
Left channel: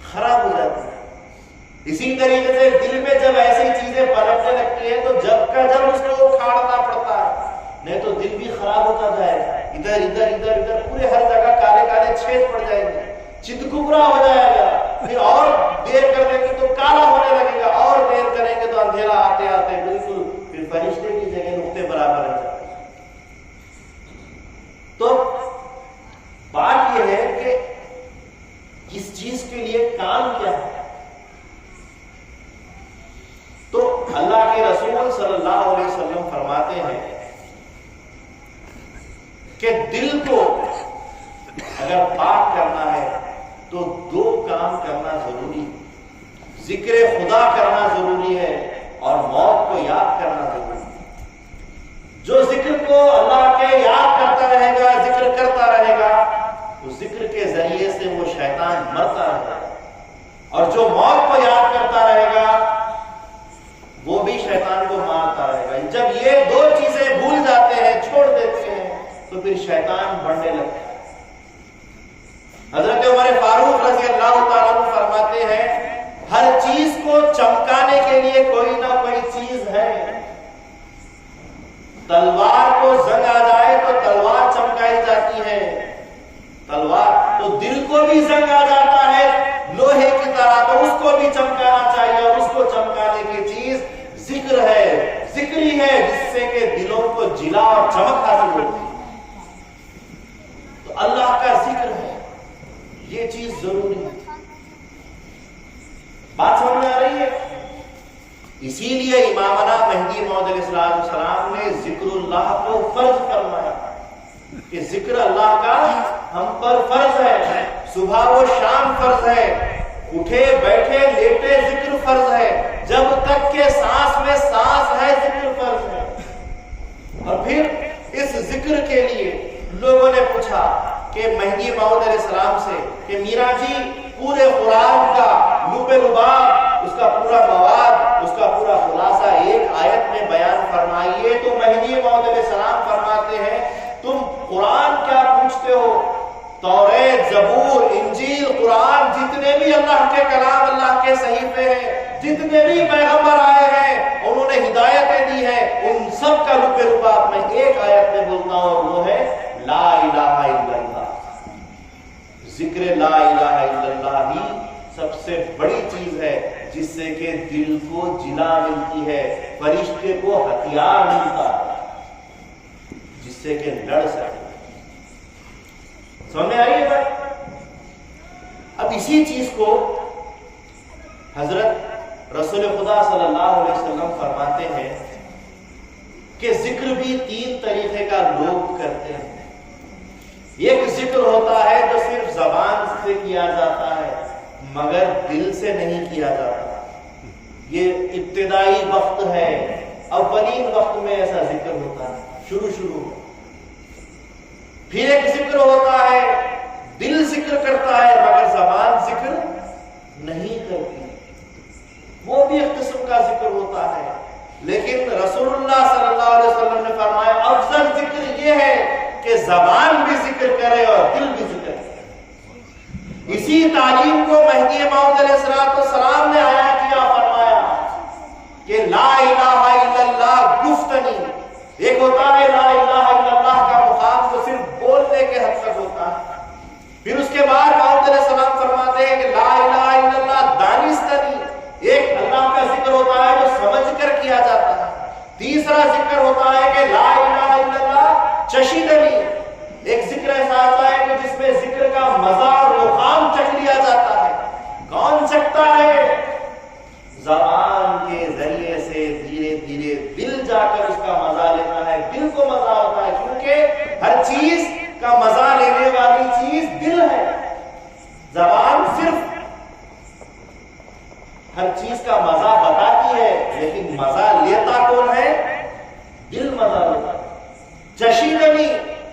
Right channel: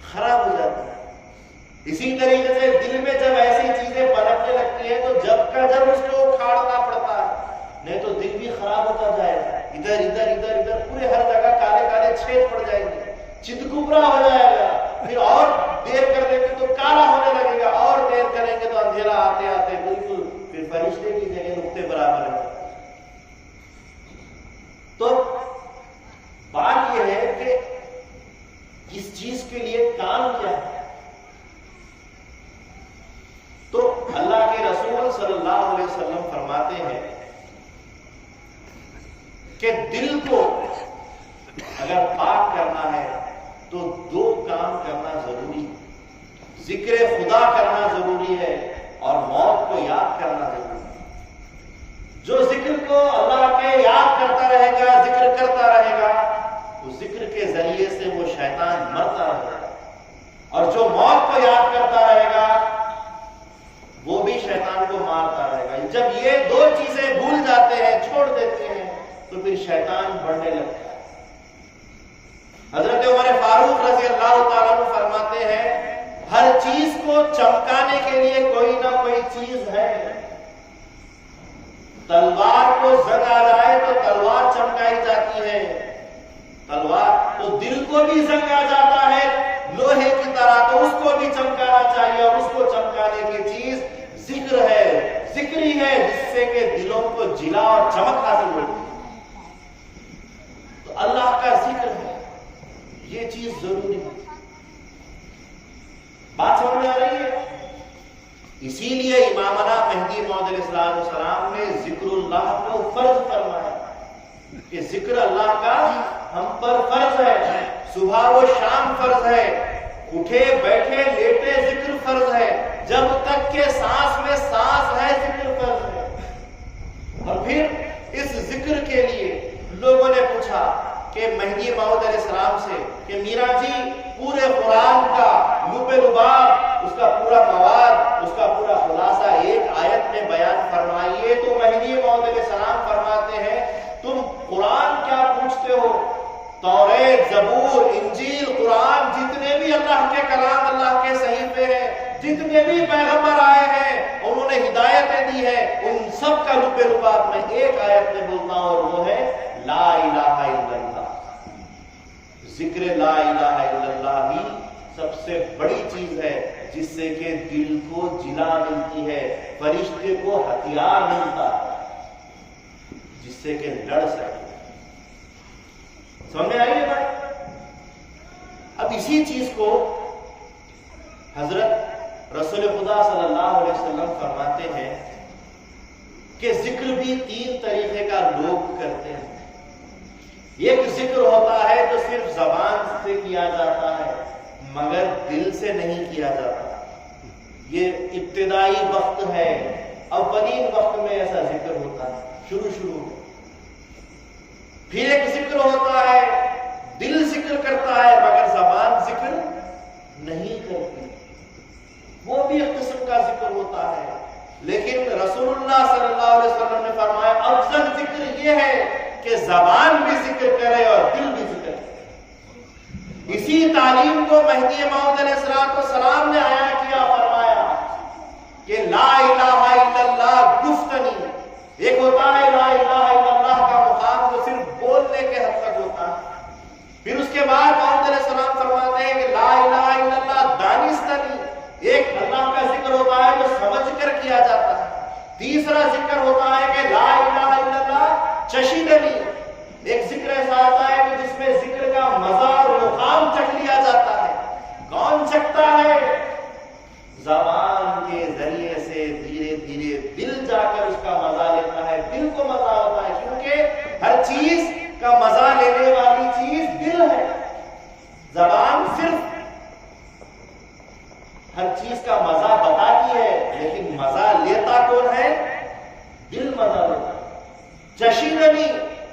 خراب ہو جاتی ہے۔ اسی طریقے سے دل میں جب ایسی چیزیں پنپنے لگتی ہیں تو جب کا جب اس کو اکھاڑنا پڑتا ہے، نہیں تو دل بھی خراب ہوتا جائے گا، ادھر ادھر ادھر ادھر پورے ہر جگہ کالے کالے چھید پڑ جائیں گے، چتکبرا ہو جائے گا، پھر اور دیر کر دیں گے تو کالا ہونے لگے گا، اور دیر کریں گے تو اندھیرا آتے آتے بالکل پھر فرشتے کی جگہ نقطے برابر رہ جائے گا۔ تو بات یہ ہے کہ اس چیز کے لیے کام کیا ہے؟ تو اللہ کے رسول صلی اللہ علیہ وسلم فرماتے ہیں کہ دل کو اگر پاک کرنا ہے تو دو کام کرنا ضروری ہے، ذکر خدا کرنا ضروری ہے اور موت کو یاد کرنا ضروری ہے۔ جو ذکر کو اللہ کے یاد کرتا رہے گا، ذکر کرتا رہے گا، اس ذکر کے ذریعے سے وہ شیطان مرتا رہے گا، اور جو موت کو یاد کرتا رہے گا وہ بھی شیطان کو مارتا رہے گا۔ جب یہ دو چیزیں بھول جاتے ہیں، چھوڑ دیتے ہیں، تو پھر شیطان بڑھنے لگتا ہے۔ حضرت عمر فاروق رضی اللہ تعالیٰ عنہ فرماتے ہیں ہر چیز کو چمکانے کے لیے کوئی نہ کوئی چیز ہے۔ تلوار کو زنگ آ جائے تو تلوار چمکائی جاتی ہے، تلوار تو دل کو بھی زنگ آ جاتا ہے لوہے کی طرح، تو اس کو بھی چمکانا چاہیے، اور اس کو چمکانے کی چیز ذکر ہے، ذکری ہے، جس سے کہ دلوں کو جلا اور چمک حاصل ہوتی ہے۔ تو اللہ کا ذکر ہے، یہ چیز ضروری ہے۔ بات سمجھ میں آ رہی ہے؟ اسی لیے امامنا مہدی موعود علیہ السلام نے ذکر اللہ کو فرض فرمایا کہ ذکر اللہ کا ہم پر فرض ہے، صبح و شام فرض ہے، اٹھے بیٹھے لیٹے ذکر فرض ہے، جب تک کہ سانس میں سانس ہے ذکر فرض ہے۔ اور پھر اس ذکر کے لیے لوگوں نے پوچھا کہ مہدی موعود علیہ السلام سے کہ میرا جی پورے قرآن کا لب لباب، اس کا پورا مواد، اس کا پورا خلاصہ ایک آیت میں بیان فرمائیے۔ تو مہدی موعود علیہ السلام فرماتے ہیں تم قرآن کیا پوچھتے ہو؟ توریت، زبور، انجیل، قرآن، جتنے بھی اللہ کے کلام، اللہ کے صحیفے ہیں، جتنے بھی پیغمبر آئے ہیں انہوں نے ہدایتیں دی ہیں، ان سب کا لب لباب میں ایک آیت میں بولتا ہوں، اور وہ ہے لا الہ الا اللہ۔ ذکر لا الہ الا اللہ ہی سب سے بڑی چیز ہے جس سے کہ دل کو جلا ملتی ہے، فرشتے کو ہتھیار ملتا ہے جس سے کہ لڑ سکے۔ سمجھ میں آ رہی ہے بات؟ اب اسی چیز کو حضرت رسول خدا صلی اللہ علیہ وسلم فرماتے ہیں کہ ذکر بھی تین طریقے کا لوگ کرتے ہیں۔ ایک ذکر ہوتا ہے جو صرف زبان سے کیا جاتا ہے مگر دل سے نہیں کیا جاتا، یہ ابتدائی وقت ہے، اولین وقت میں ایسا ذکر ہوتا ہے، شروع میں۔ پھر ایک ذکر ہوتا ہے دل ذکر کرتا ہے مگر زبان ذکر نہیں کرتی، وہ بھی ایک قسم کا ذکر ہوتا ہے۔ لیکن رسول اللہ صلی اللہ علیہ وسلم نے فرمایا افضل ذکر یہ ہے کہ زبان بھی ذکر کرے اور دل بھی ذکر کرے۔ اسی تعلیم کو مہدی موعود علیہ السلام نے آیا کیا، فرمایا کہ لا الہ الا اللہ گفتنی، ایک ہوتا ہے لا الہ الا اللہ کا مقام جو صرف بولنے کے حد تک ہوتا ہے، پھر اس کے بعد موعود علیہ السلام فرماتے ہیں کہ لا الہ الا اللہ دانستنی، ایک اللہ کا ذکر ہوتا ہے جو سمجھ کر کیا جاتا ہے، تیسرا ذکر ہوتا ہے کہ لا الہ الا اللہ چشیدنی، ایک ذکر ایسا ہوتا ہے کہ جس میں ذکر کا مزہ اور مقام چکھ لیا جاتا ہے۔ کون چکھتا ہے؟ زبان کے ذریعے سے دھیرے دھیرے دل جا کر اس کا مزہ لیتا ہے، دل کو مزہ ہوتا ہے، کیونکہ ہر چیز کا مزہ لینے والی چیز دل ہے۔ زبان صرف ہر چیز کا مزہ بتاتی ہے لیکن مزہ لیتا کون ہے؟ دل مزہ لیتا ہے۔ چشیدنی،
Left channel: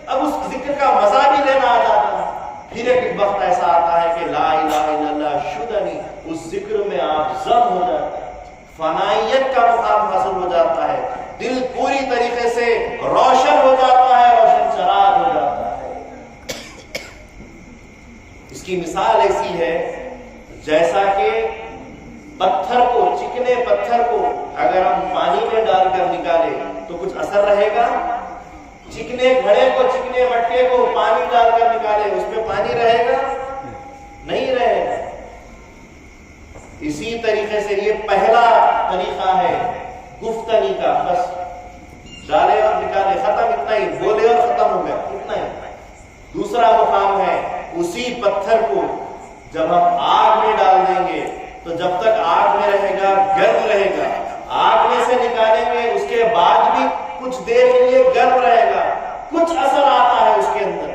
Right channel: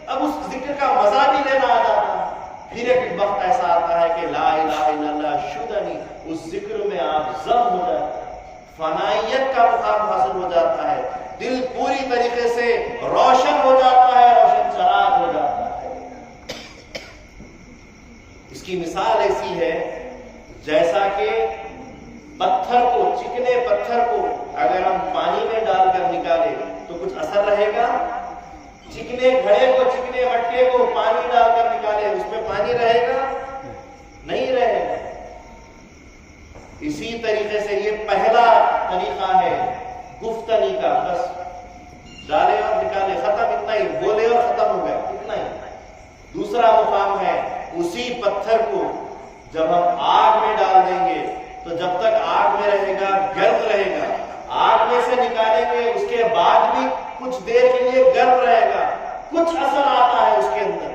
اب اس ذکر کا مزہ بھی لینا آ جاتا ہے۔ پھر ایک وقت ایسا آتا ہے کہ لا الہ الا اللہ شدنی، اس ذکر میں آپ ضم ہو جاتے ہیں، فنائیت کا مقام حاصل ہو جاتا ہے، دل پوری طریقے سے روشن ہو جاتا ہے، روشن چراغ ہو جاتا ہے۔ اس کی مثال ایسی ہے جیسا کہ پتھر کو، چکنے پتھر کو اگر ہم پانی میں ڈال کر نکالے تو کچھ اثر رہے گا؟ چکنے گھڑے کو، چکنے مٹکے کو پانی ڈال کر نکالے اس میں پانی رہے گا؟ نہیں رہے گا۔ اسی طریقے سے یہ پہلا طریقہ ہے گفتنی کا، بس ڈالے اور نکالے، ختم، اتنا ہی، بولے اور ختم ہو گیا، اتنا ہی۔ دوسرا مقام ہے اسی پتھر کو جب ہم آگ میں ڈال دیں گے تو جب تک آگ میں رہے گا گرم رہے گا، آگ میں سے نکالیں گے اس کے بعد بھی کچھ دیر کے لیے گرم رہے گا، کچھ اثر آتا ہے اس کے اندر۔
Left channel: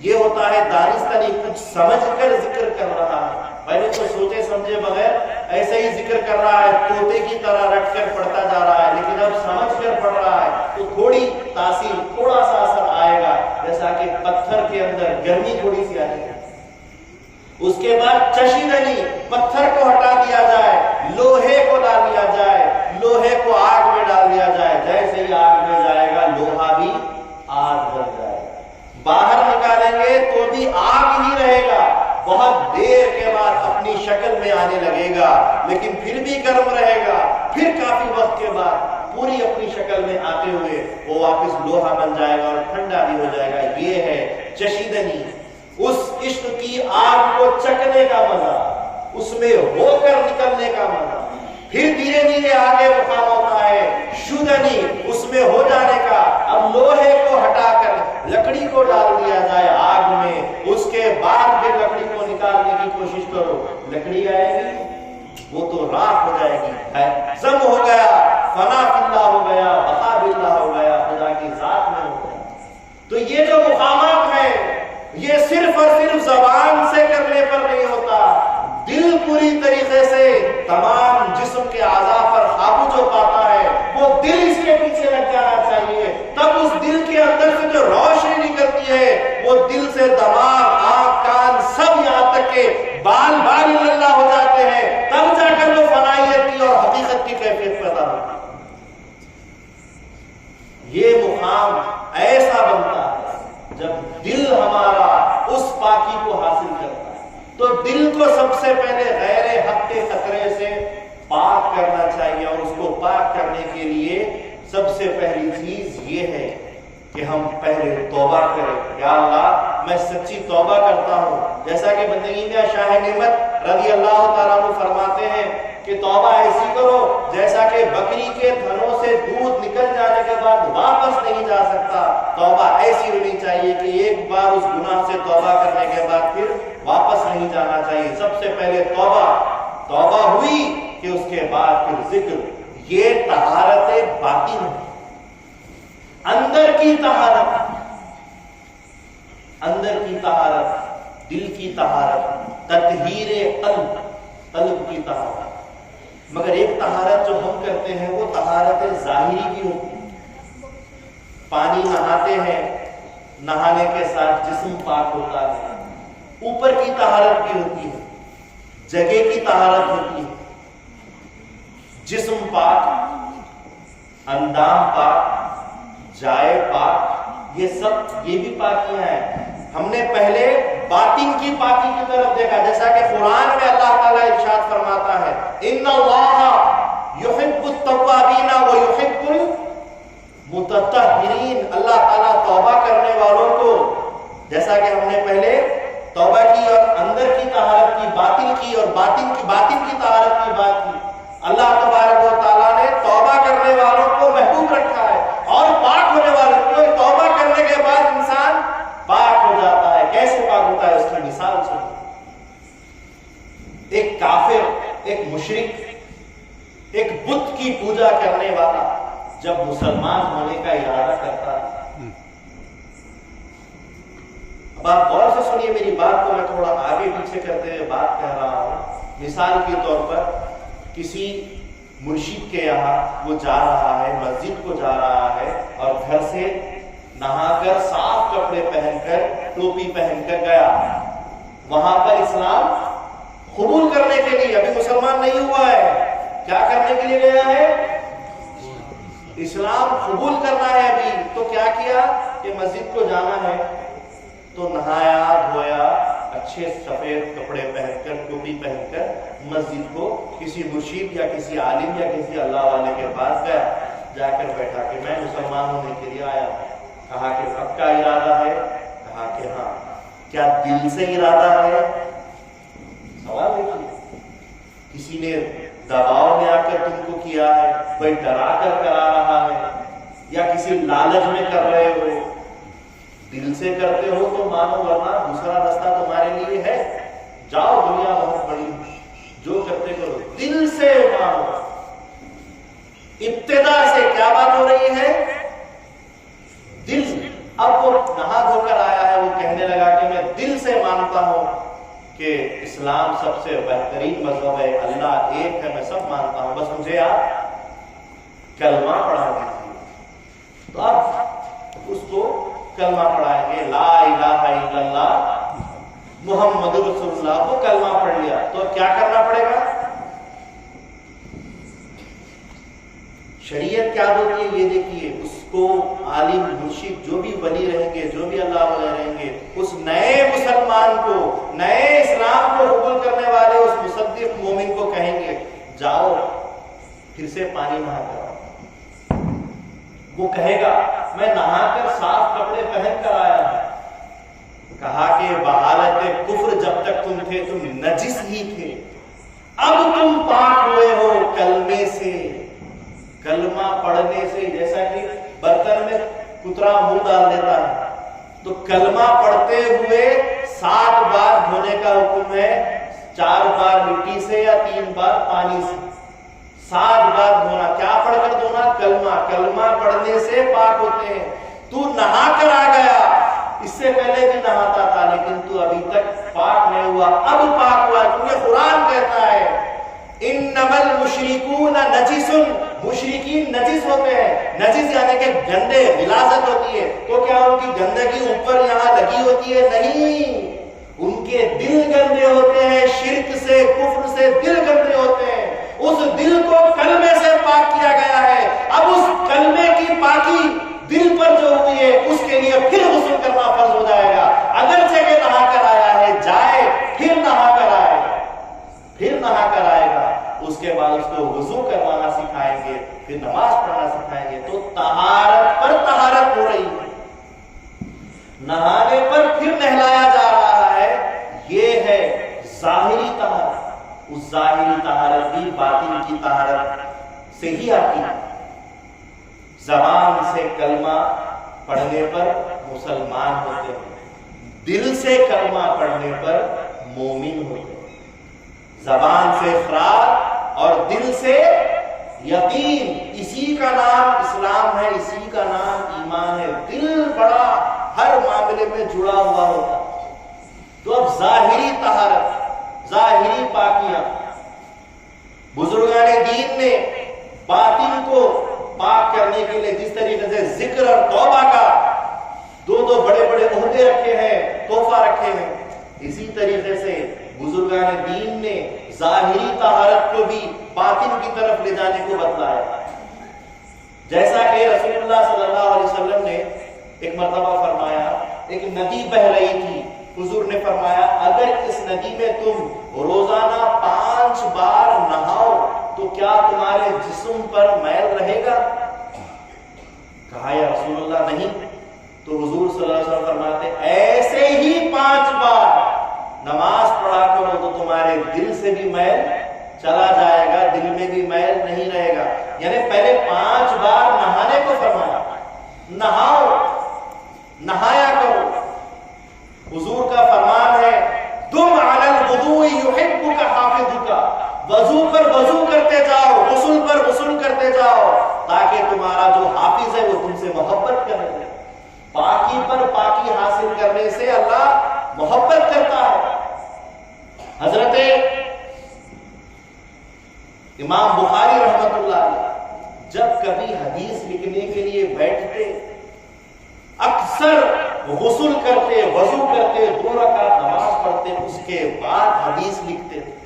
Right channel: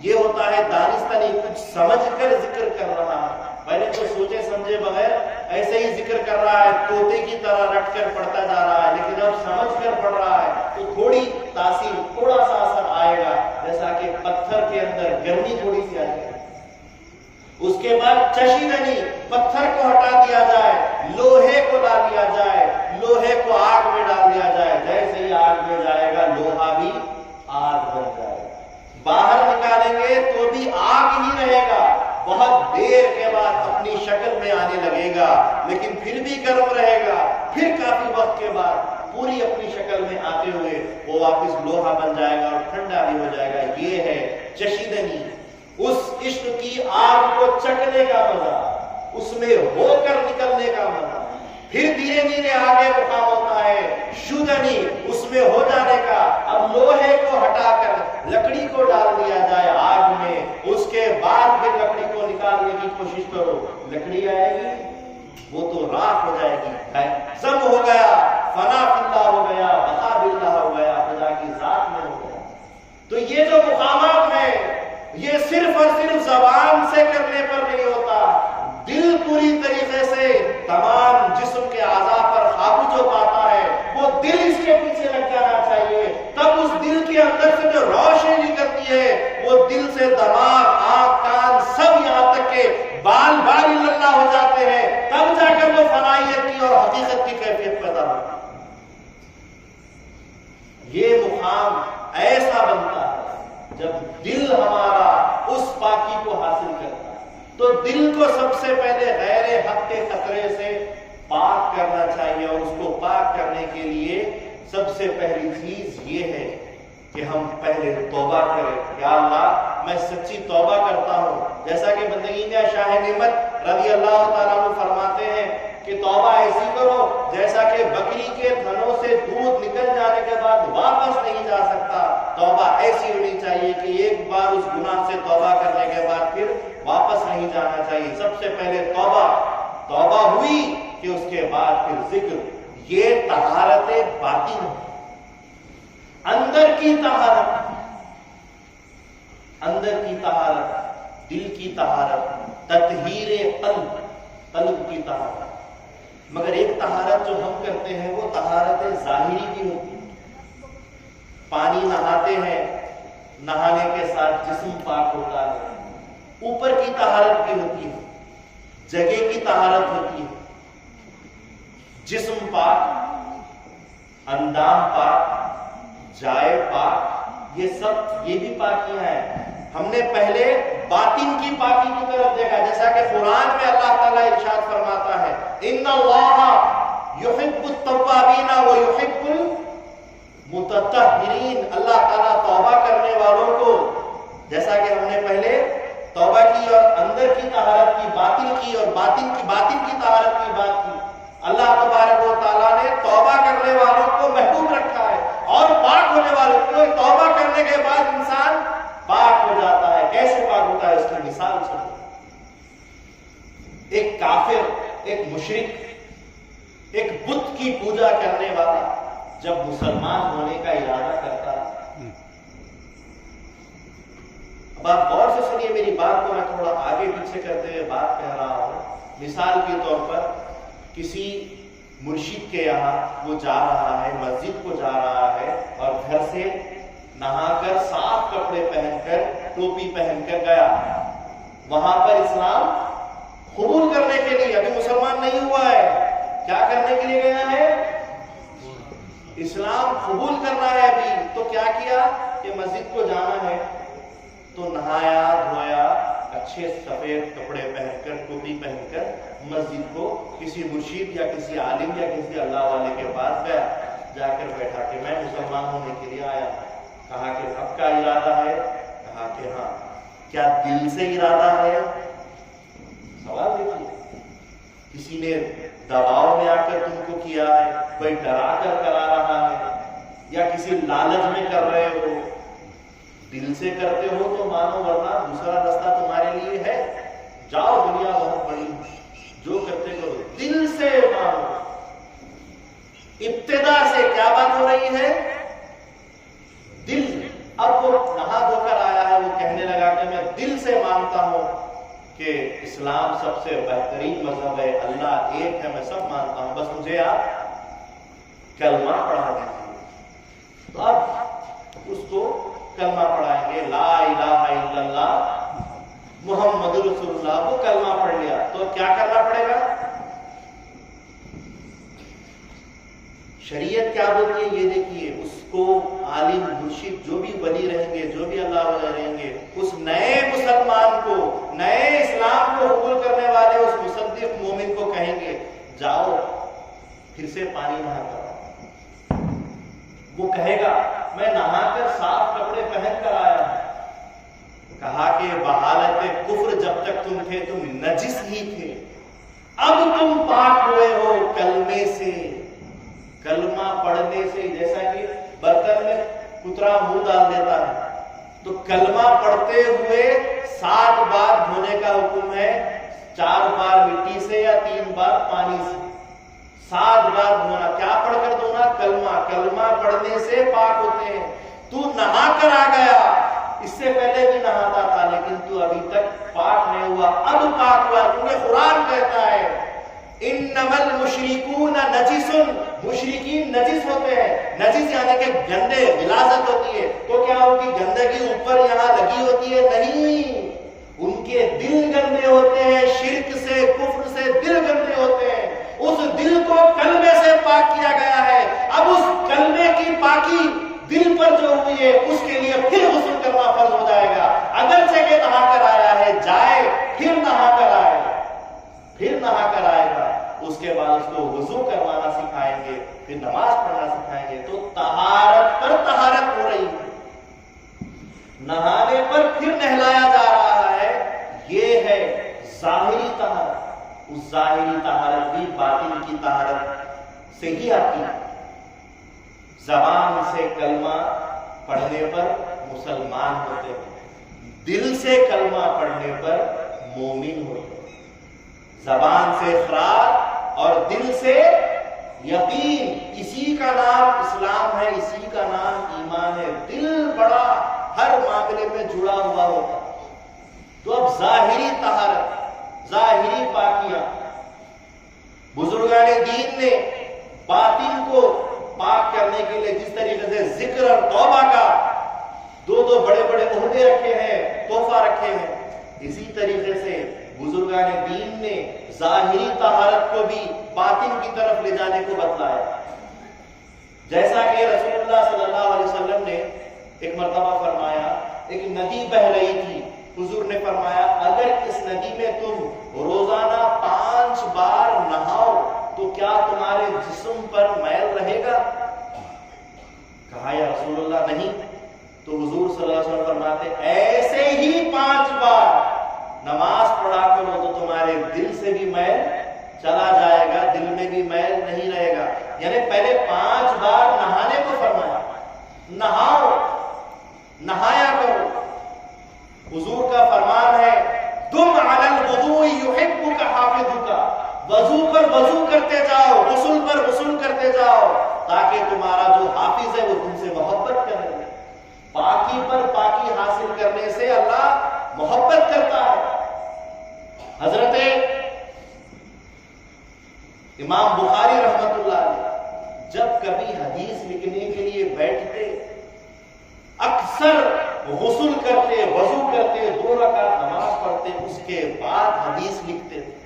یہ ہوتا ہے دانستنی، کچھ سمجھ کر ذکر کر رہا ہے، پہلے تو سوچے سمجھے بغیر ایسے ہی ذکر کر رہا ہے، طوطے کی طرح رٹ کر پڑھتا جا رہا ہے، لیکن اب سمجھ کر پڑھ رہا ہے تو تھوڑی تاثیر، تھوڑا سا اثر آئے گا، جیسا کہ پتھر کے اندر گرمی تھوڑی سی آئے گی۔ اس کے بعد چشیدنی، پتھر کو ہٹا دیا جائے، لوہے کو لا لیا جائے، لوہے کو آگ میں ڈال دیا جائے، جیسے ہی آگ میں جائے گا لوہا بھی آگ بن جائے گا۔ باہر نکالیں گے تو بھی آگ ہی رہے گا، بہت دیر کے بعد اپنی شکل میں آنے لگے گا، لیکن پھر بھی گرم رہے گا، پھر کافی وقت کے بعد پوری اپنی شکل میں آتے ہوئے وہ واپس لوہا بن جائے گا اور ٹھنڈا بھی ہو جائے گا۔ یہ ہے چشیدنی، اس عشق کی آگ کو چکھنے کا مزہ، اس میں ہو کر نکلنے کا مزہ۔ پھر دھیرے دھیرے آگے مقام ہوتا ہے شدنی، اس میں ہو جانے کا۔ اب لوہے کو ہٹا کر لکڑی کو ڈال دیا جائے آگ میں، اس کے بعد پھر لکڑی کو نکالنے کی کوشش کرو، لکڑی آئے گی وہ تو راکھ ہو جائے گی، ضم ہو گیا، فنا فی اللہ ہو گیا، بقا باللہ ہو گیا، خدا کی ذات میں ہو گیا۔ تو یہ جو مقامات ہیں یہ صرف اور صرف زبان سے کرنے پر نہیں ہوتا، دل پوری طریقے سے تمام جسم کے اعضاء پر قابو جو پاتا ہے وہ دل اس کے پیچھے لگ جانا چاہیے، تب اس دل کے اندر سے جو روشنی نکلتی ہے وہ دل سے دماغ، آنکھ، کان سب یہاں تک کہ بال اللہ ہو جاتے ہیں، تب جا کر وہ فنائیت کی اور حقیقت کی کیفیت پیدا ہوتی ہے۔ یہ مقام ایسا بنتا ہے جب دل ہمارا اس پاکی کو حاصل کرتا ہے، تو دل کو سب سے پہلے غیر حق کے خطرے سے پاک کرنا چاہیے، اور اس کو پاک کرنے کے لیے سب سے پہلی چیز یہ ہے کہ ہم پہلے توبہ کریں۔ یا اللہ میں سچی توبہ کرتا ہوں، جیسا کہ بندگی میں شاہ نعمت رضی اللہ تعالیٰ عنہ فرماتے ہیں کہ توبہ ایسی کرو جیسا کہ بکری کے تھنوں سے دودھ نکل جانے کے بعد واپس نہیں جا سکتا، توبہ ایسی ہونی چاہیے کہ ایک بار اس گناہ سے توبہ کرنے کے بعد پھر واپس نہیں جانا چاہیے۔ سب سے پہلے توبہ ہوئی کہ اس کے بعد پھر ذکر۔ یہ طہارت باطن ہے، اندر کی طہارت، اندر کی طہارت، دل کی طہارت، تطہیر قلب کی طہارت۔ مگر ایک طہارت جو ہم کرتے ہیں وہ طہارت ظاہری بھی ہوتی ہے، پانی نہاتے ہیں، نہانے کے ساتھ جسم پاک ہوتا ہے، اوپر کی طہارت بھی ہوتی ہے، جگہ کی طہارت ہوتی ہے، جسم پاک، اندام پاک، جائے پاک، یہ سب یہ بھی پاکیاں ہیں۔ ہم نے پہلے باطن کی پاکی کی طرف دیکھا، جیسا کہ قرآن میں اللہ تعالیٰ ارشاد فرماتا ہے ان اللہ یحب التوابین ویحب المتطہرین، اللہ تعالیٰ توبہ کرنے والوں کو، جیسا کہ ہم نے پہلے توبہ کی اور اندر کی طہارت کی، باطن کی اور باطن کی طہارت کی بات کی، اللہ تبارک و تعالیٰ نے توبہ کرنے والوں کو محبوب رکھا ہے، اور پاک ہونے والوں کو توبہ کرنے کے بعد انسان پاک ہو جاتا ہے۔ کیسے پاک ہوتا ہے اس کی مثال سنو۔ ایک کافر، ایک مشرک، ایک بت کی پوجا کرنے والا جب مسلمان ہونے کا ارادہ کرتا ہے، اب آپ غور سے سنیے میری بات کو، میں تھوڑا آگے پیچھے کرتے ہوئے بات کہہ رہا ہوں۔ مثال کے طور پر کسی مرشد کے یہاں وہ جا رہا ہے، مسجد کو جا رہا ہے، اور گھر سے نہا کر صاف کپڑے پہن کر ٹوپی پہن کر گیا، وہاں پر اسلام قبول کرنے کے لیے، ابھی مسلمان نہیں ہوا ہے، کیا کرنے کے لیے گیا ہے؟ اسلام قبول کرنا ہے ابھی، تو کیا کیا کہ مسجد کو جانا ہے تو نہایا دھویا، اچھے سفید کپڑے پہن کر ٹوپی پہن کر مسجد کو کسی مرشد یا کسی عالم یا کسی اللہ والے کے پاس گیا، جا کر بیٹھا کہ میں مسلمان ہونے کے لیے آیا ہوں۔ کہا کہ پکا ارادہ ہے؟ کہا کہ ہاں۔ کیا دل سے ارادہ ہے؟ سوال دیکھیے، کسی نے دباؤ میں آ کر تم کو کیا ہے، کوئی ڈرا کر کرا رہا ہے، یا کسی لالچ میں کر رہے ہو؟ دل سے کرتے ہو تو مانو، ورنہ دوسرا رستہ تمہارے لیے ہے، جاؤ دنیا بہت بڑی، جو کرتے کرو، دل سے مانو۔ ابتدا سے کیا بات ہو رہی ہے؟ دل۔ اب وہ نہا دھو کر آیا ہے، وہ کہنے لگا کہ میں دل سے مانتا ہوں کہ اسلام سب سے بہترین مذہب ہے، اللہ ایک ہے، میں سب مانتا ہوں، بس مجھے آپ کلمہ پڑھا دیجیے۔ تو اب اس کو کلمہ پڑھائیں گے، لا الہ الا اللہ محمد رسول اللہ، کو کلمہ پڑھ لیا، تو اب کیا کرنا پڑے گا؟ شریعت کیا بولتی ہے یہ دیکھیے، اس کو عالم مرشد جو بھی ولی رہیں گے، جو بھی اللہ والے رہیں گے، اس نئے مسلمان کو، نئے اسلام کو قبول کرنے والے اس مصدق مومن کو کہیں گے جاؤ پھر سے پانی نہا کر۔ وہ کہے گا میں نہا کر صاف کپڑے پہن کر آیا ہوں۔ کہا کہ بحالت کفر جب تک تم تھے تم نجس ہی تھے، اب تم پاک ہوئے ہو کلمے سے، کلمہ پڑھنے سے۔ جیسا کہ برتن میں کترا منہ ڈال دیتا ہے، تو کلمہ پڑھتے ہوئے 7 بار دھونے کا حکم ہے، 4 بار مٹی سے یا 3 بار پانی سے، 7 بار دھونا۔ کیا پڑھ کر دھونا؟ کلمہ۔ کلمہ پڑھنے سے پاک ہوتے ہیں۔ تو نہا کر آ گیا، اس سے پہلے بھی نہاتا تھا لیکن تو ابھی تک پاک نہیں ہوا، اب پاک ہوا، کیونکہ قرآن کہتا ہے انما المشرکون نجس، مشرکین نجس ہوتے ہیں، نجس یعنی کہ گندے، غلاظت ہوتی ہے، تو کیا ان کی گندگی اوپر یہاں لگی ہوتی ہے؟ نہیں، ان کے دل گندے ہوتے ہیں، شرک سے، کفر سے دل گندے ہوتے ہیں، اس دل کو کلمے سے پاک کیا گیا ہے، اب اس کلمے کی پاکی دل پر جو ہوئی ہے اس کے لیے پھر غسل کرنا فرض ہو جائے گا، اگرچہ کہ نہا کر آیا ہے، جائے پھر نہا کر آئے، پھر نہا کر آئے گا، اس کے بعد اس کو وضو کروانا سکھائیں گے، پھر نماز پڑھنا سکھائیں گے، تو طہارت پر طہارت ہو رہی ہے، نہانے پر پھر نہلایا جا رہا ہے، یہ ہے ظاہری طہارت، اس ظاہری طہارت بھی باطن کی طہارت سے ہی آتی ہے، زبان سے کلمہ پڑھنے پر مسلمان ہوتے ہیں، دل سے کلمہ پڑھنے پر مومن ہوتے ہیں، زبان سے اقرار اور دل سے یقین، اسی کا نام اسلام ہے، اسی کا نام ایمان ہے، دل بڑا ہر معاملے میں جڑا ہوا ہوتا، تو اب ظاہری طہارت، ظاہری پاکیاں، بزرگان دین نے باطن کو پاک کرنے کے لیے جس طریقے سے ذکر اور توبہ کا دو بڑے بڑے عہدے رکھے ہیں، تحفہ رکھے ہیں، اسی طریقے سے بزرگان دین نے ظاہری طہارت کو بھی باطن کی طرف لے جانے کو بتلایا، جیسا کہ رسول اللہ صلی اللہ علیہ وسلم نے ایک مرتبہ فرمایا، ایک ندی بہ رہی تھی، حضور نے فرمایا اگر اس ندی میں تم روزانہ 5 بار نہاؤ تو کیا تمہارے جسم پر میل رہے گا؟ کہا یا رسول اللہ نہیں، تو حضور صلی اللہ علیہ وسلم فرماتے ایسے ہی 5 بار نماز پڑھا کرو تو تمہارے دل سے بھی میل چلا جائے گا، دل میں بھی میل نہیں رہے گا، یعنی پہلے 5 بار نہانے کو فرمایا، نہاؤ، نہایا کرو، حضور کا فرمان ہے تم علی الوضوء یحبک حافظک، وضو پر وضو کرتے جاؤ، غسل پر غسل کرتے جاؤ، تاکہ تمہارا جو حافظ ہے وہ تم سے محبت کرنے لگے، پاکی پر پاکی حاصل کرنے سے اللہ محبت کرتا ہے۔ حضرت امام بخاری رحمت اللہ علیہ جب کبھی حدیث لکھنے کے لیے بیٹھتے اکثر غسل کرتے، وضو کرتے، 2 رکعت نماز پڑھتے، اس کے بعد حدیث لکھتے تھے،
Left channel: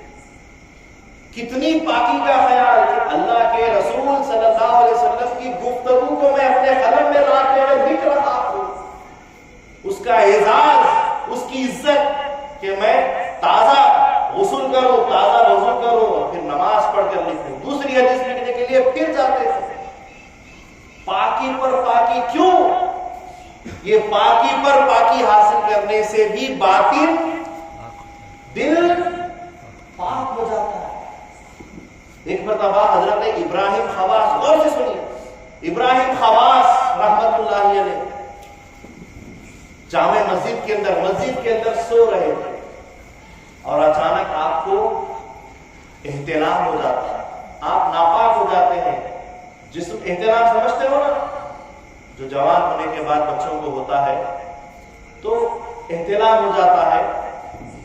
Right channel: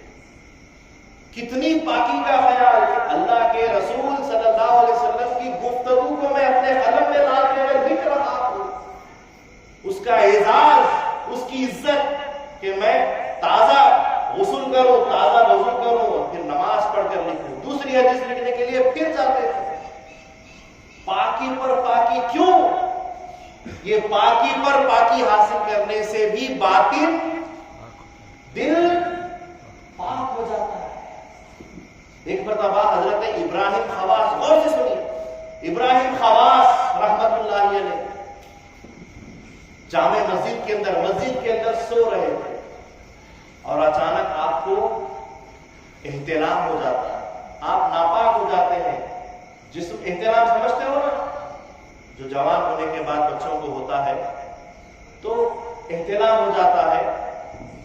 کتنی پاکی کا خیال کہ اللہ کے رسول صلی اللہ علیہ وسلم کی گفتگو کو میں اپنے قلم میں لاتے ہوئے لکھ رہا ہوں، اس کا اعزاز، اس کی عزت کہ میں تازہ غسل کروں، تازہ وضو کروں اور پھر نماز پڑھ کر لکھوں، دوسری حدیث لکھنے کے لیے پھر جاتے تھے۔ پاکی پر پاکی کیوں؟ یہ پاکی پر پاکی حاصل کرنے سے بھی باطن، دل پاک ہو جاتا ہے۔ ایک مرتبہ حضرت ابراہیم خواص، غور سے سنیے، ابراہیم خواص رحمت اللہ علیہ جامع مسجد کے اندر سو رہے تھے اور اچانک آپ کو احتلام ہو جاتا ہے، آپ ناپاک ہو جاتے ہیں، جسم، احتلام سمجھتے ہو نا، جو جوان ہونے کے بعد بچوں کو ہوتا ہے تو احتلام ہو جاتا ہے،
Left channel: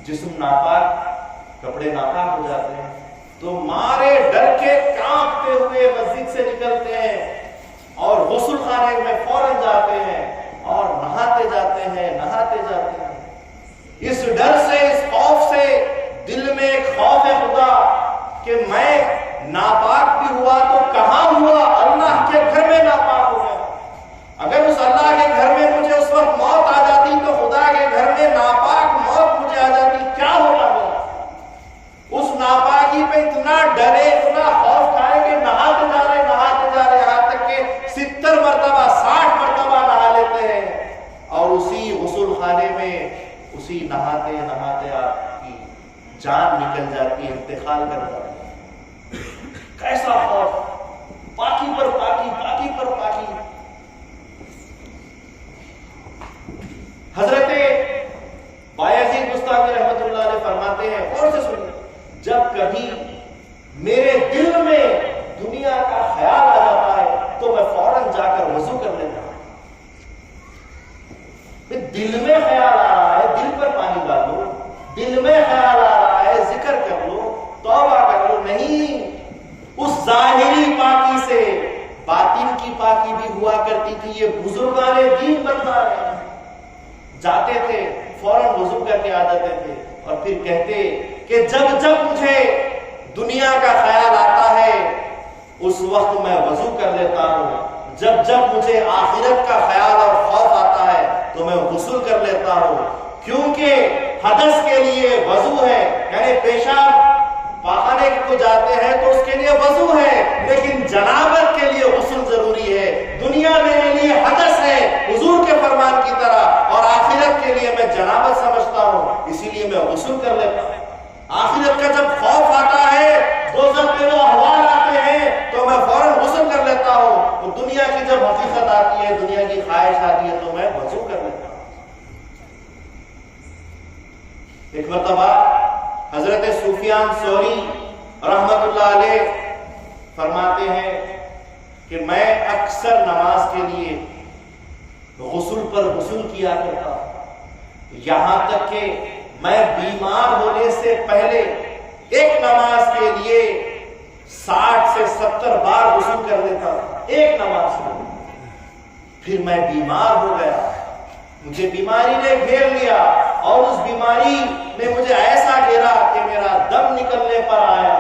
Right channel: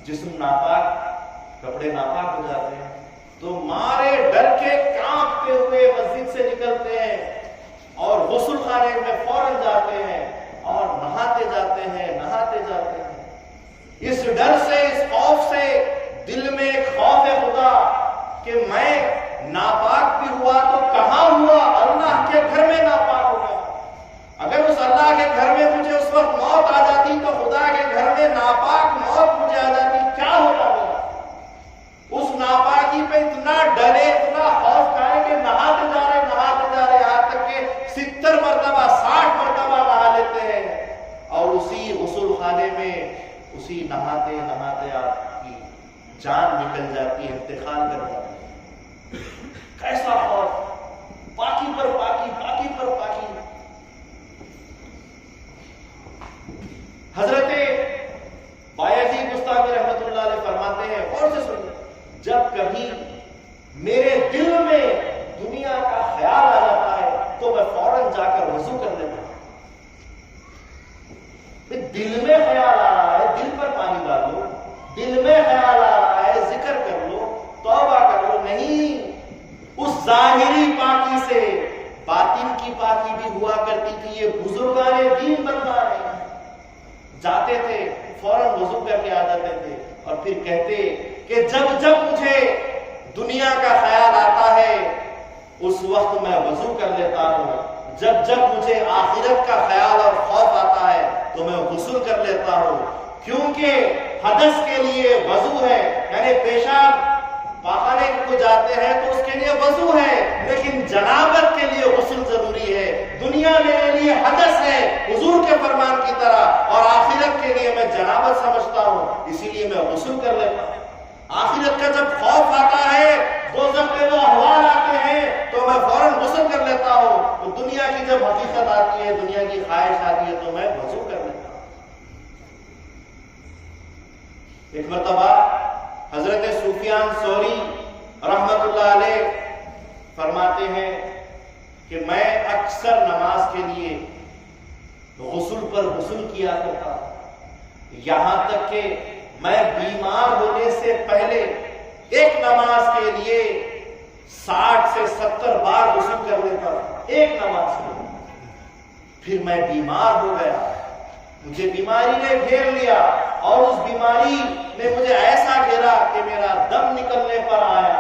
جسم ناپاک، کپڑے ناپاک ہو جاتے ہیں، تو مارے ڈر کے کانپتے ہوئے مسجد سے نکلتے ہیں اور غسل خانے میں فوراً جاتے ہیں اور نہاتے جاتے ہیں، نہاتے جاتے ہیں، اس ڈر سے، اس خوف سے، دل میں ایک خوف ہے خدا کہ میں ناپاک بھی ہوا تو کہاں ہوا، اللہ کے گھر میں ناپاک ہو گیا، اگر اس اللہ کے گھر میں مجھے اس وقت موت آ جاتی تو خدا کے گھر میں ناپاک موت مجھے آ جاتی، کیا ہوگا میرا؟ اس ناپاکی پہ اتنا ڈرے، اتنا خوف کھائے کہ نہاتے جا رہے، یہاں تک کہ 70 مرتبہ 60 مرتبہ نہا لیتے ہیں، اور اسی غسل خانے میں اسی نہاتے نہاتے آپ کی جان نکل جاتی ہے، انتقال کر جاتی ہے۔ کیسا خوف، پاکی پر پاکی، پاکی پر پاکی۔ حضرت بایزید بستامی رحمت اللہ علیہ فرماتے ہیں، اور سے سنیے، جب کبھی میرے دل میں دنیا کا خیال آ جاتا ہے تو میں فوراً جا کر وضو کر لیتا ہوں۔ دل میں ظاہری پاکی سے باطن کی پاکی بھی ہوا کرتی تھی. یہ بزرگان دین بتلا رہے ہیں. جاتے تھے فوراً وضو کر کے آ جاتے تھے اور پھر کہتے کہ جب جب مجھے دنیا کا خیال آتا ہے اس وقت میں وضو کر لیتا ہوں, جب جب مجھے آخرت کا خیال اور خوف آتا ہے تو میں غسل کر لیتا ہوں, کیونکہ حدث کے لیے وضو ہے, یعنی پیشاب پاخانے کو جاتے ہیں تو اس کے لیے وضو ہے, لیکن جنابت کے لیے غسل ضروری ہے. دنیا میرے لیے حدث ہے حضور کے فرمان کی طرح, اور آخرت کے لیے میں جنابت سمجھتا ہوں, اسی لیے میں غسل کر لیتا ہوں. آخرت کا جب خوف آتا ہے, دوزخ پہ وہ احوال آتے ہیں تو میں فوراً غسل کر لیتا ہوں. تو دنیا کی جب حقیقت آتی ہے, دنیا کی خواہش آتی ہے تو میں وضو کر لیتا ہوں. ایک مرتبہ حضرت سفیان ثوری رحمت اللہ علیہ فرماتے ہیں کہ میں اکثر نماز کے لیے غسل پر غسل کیا کرتا ہوں, یہاں تک کہ میں بیمار ہونے سے پہلے ایک نماز کے لیے 60 سے 70 بار غسل کر لیتا تھا, ایک نماز کے لیے. پھر میں بیمار ہو گیا, مجھے بیماری نے گھیر لیا, اور اس بیماری نے مجھے ایسا گھیرا کہ میرا دم نکلنے پر آیا.